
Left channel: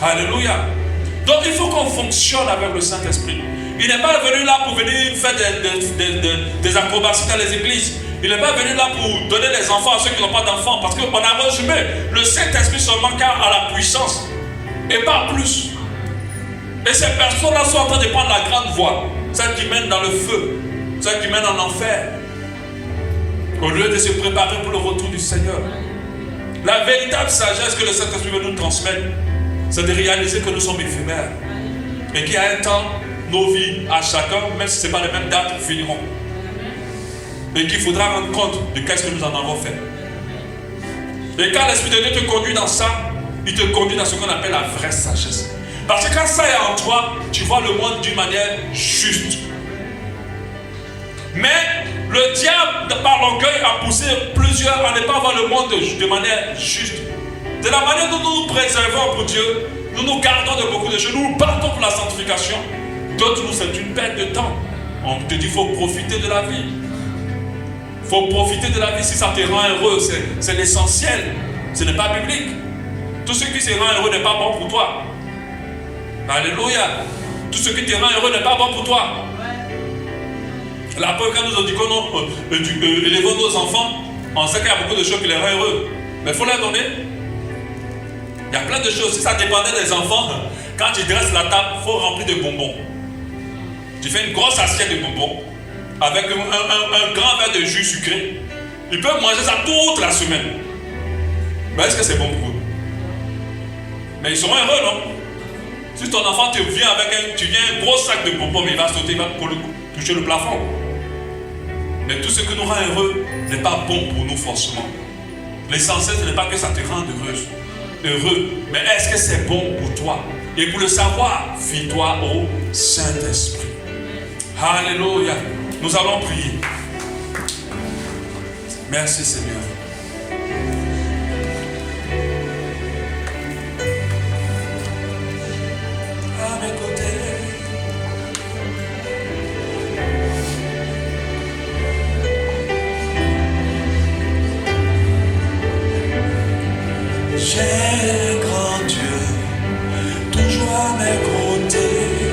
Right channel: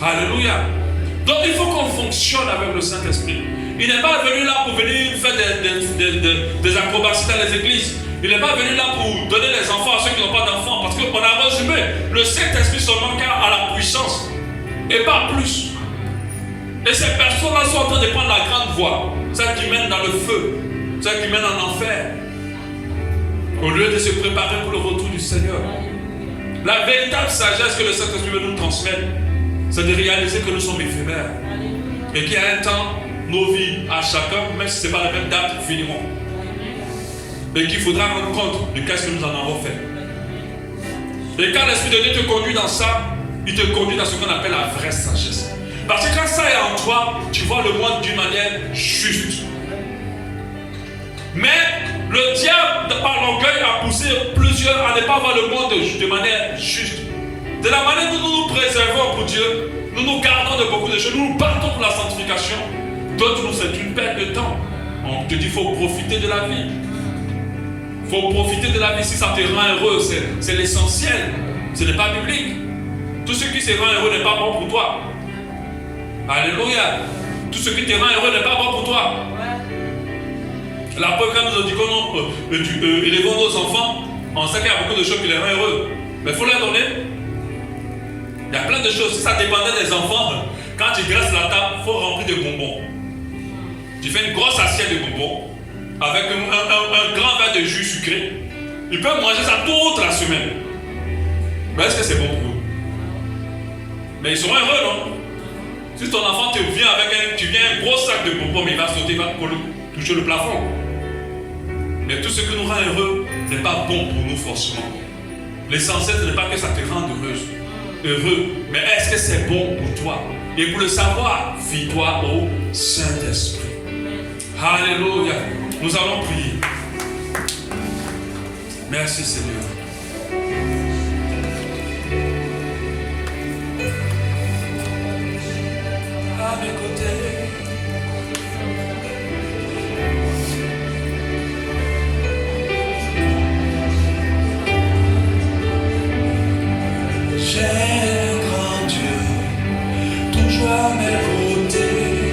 Alléluia. Donc il faut qu'on fonctionne avec le Saint-Esprit. Il n'est pas venu là pour venir faire des acrobaties dans les églises. Il n'est pas venu là pour donner les enfants à ceux qui n'ont pas d'enfants. Parce qu'on a résumé le Saint-Esprit seulement car à la puissance. Et pas plus. Et ces personnes-là sont en train de prendre la grande voie. Celles qui mènent dans le feu. Celles qui mènent en enfer. Au lieu de se préparer pour le retour du Seigneur. La véritable sagesse que le Saint-Esprit veut nous transmettre, c'est de réaliser que nous sommes éphémères. Et qu'il y a un temps, nos vies à chacun, même si ce n'est pas les mêmes dates, finiront. Et qu'il faudra rendre compte de qu'est-ce que nous en avons fait. Et quand l'Esprit de Dieu te conduit dans ça, il te conduit dans ce qu'on appelle la vraie sagesse. Parce que quand ça est en toi, tu vois le monde d'une manière juste. Mais le diable, par l'orgueil, a poussé plusieurs à ne pas voir le monde de manière juste. De la manière dont nous nous préservons pour Dieu, nous nous gardons de beaucoup de choses, nous nous battons pour la sanctification. D'autres, nous, c'est une perte de temps. On te dit qu'il faut profiter de la vie. Il faut profiter de la vie. Si ça te rend heureux, c'est l'essentiel. Ce n'est pas biblique. Tout ce qui te rend heureux n'est pas bon pour toi. Alléluia. Tout ce qui te rend heureux n'est pas bon pour toi. La preuve, quand nous indiquons élevons nos enfants, on sait qu'il y a beaucoup de choses qui les rendent heureux. Mais il faut leur donner. Il y a plein de choses. Si ça dépendait des enfants, quand tu dresses la table, il faut remplir de bonbons. Tu fais une grosse assiette de bonbons avec un grand verre de jus sucré. Ils peuvent manger ça toute la semaine. Mais est-ce que c'est bon pour eux? Mais ils seront heureux, non? Si ton enfant te vient avec un gros sac de bonbons, mais il va sauter, il va toucher le plafond. Mais tout ce que nous rend heureux n'est pas bon pour nous forcément. L'essentiel, ce n'est pas que ça te rende heureux, mais est-ce que c'est bon pour toi? Et pour le savoir, fie-toi au Saint-Esprit. Alléluia. Nous allons prier. Merci Seigneur. À mes côtés. J'ai un grand Dieu, toujours à mes côtés.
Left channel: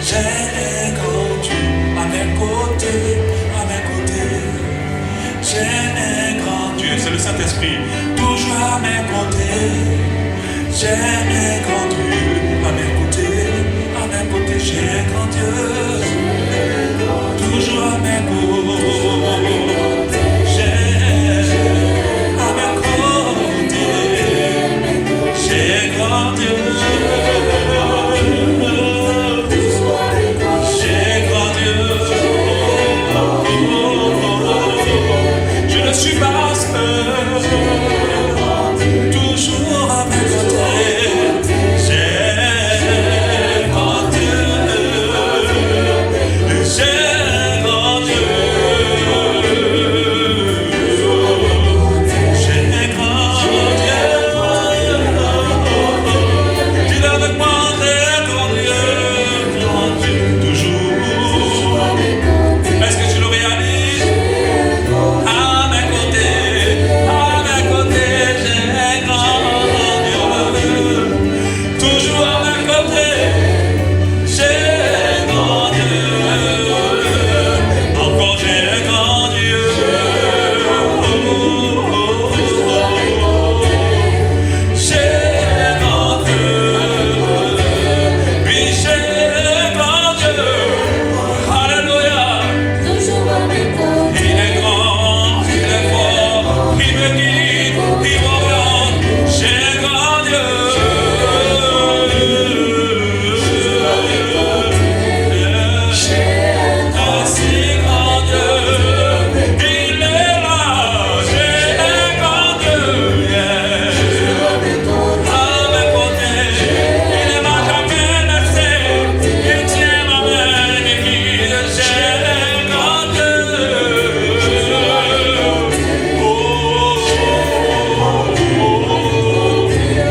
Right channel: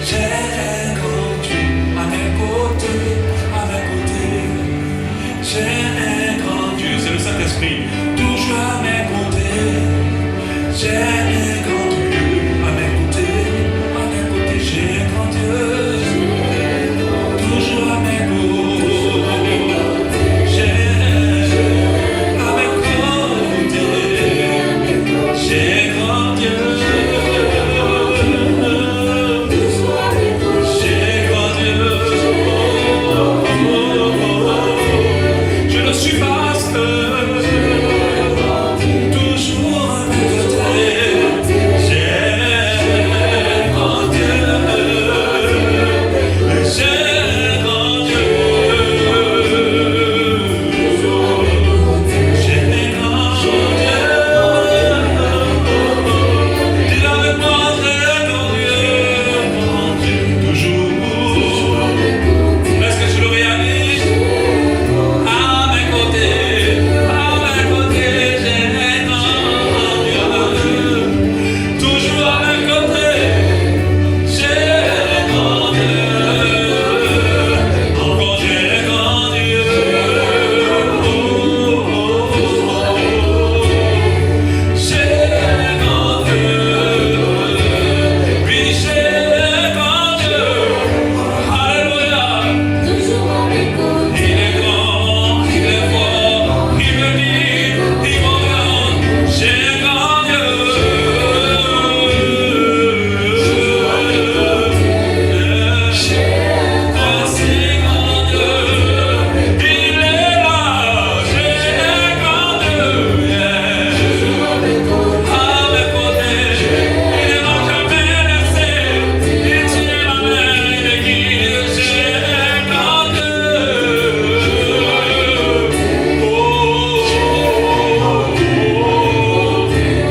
J'ai un grand Dieu à mes côtés, à mes côtés. J'ai un grand Dieu, c'est le Saint-Esprit, toujours à mes côtés. J'ai un grand Dieu à mes côtés, à mes côtés. J'ai un grand Dieu, toujours à mes côtés. J'ai à mes côtés. J'ai grand Dieu. J'ai grand Dieu. Je ne suis pas seul. Toujours à mes côtés. J'ai grand Dieu. J'ai grand Dieu. J'ai grand Dieu. Dis avec moi, très grand Dieu, toujours. Est-ce que tu le réalises? À mes côtés, j'ai grand Dieu. Toujours à mes côtés, j'ai grand Dieu. Encore j'ai grand Dieu. J'ai grand Dieu. Oui, j'ai grand Dieu. Alléluia. Il est grand, il est fort, il me guide, il m'oriente. J'ai grand Dieu. Un si grand Dieu, il est là. J'ai grand Dieu. À mes côtés, il ne m'a jamais laissé. Il tient ma main et guide. J'ai grand Dieu.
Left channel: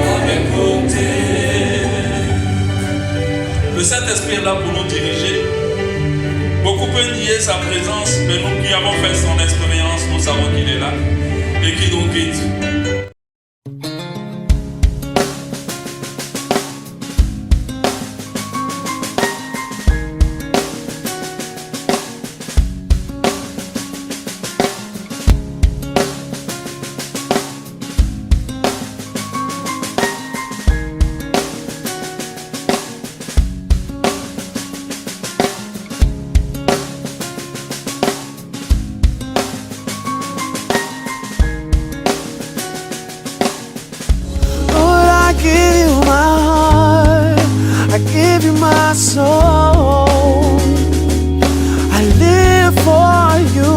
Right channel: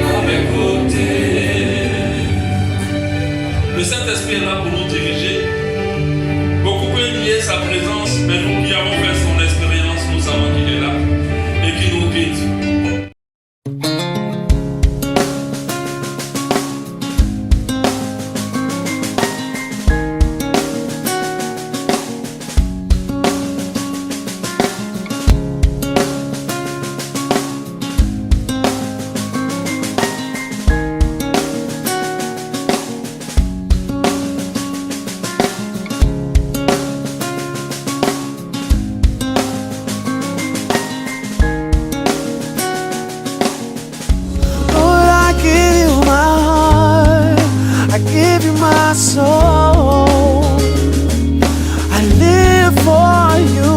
À mes côtés. Le Saint-Esprit est là pour nous diriger. Beaucoup peuvent nier sa présence, mais nous qui avons fait son expérience, nous savons qu'il est là et qu'il nous guide. Lord, I give you my heart, I give you my soul. I live for you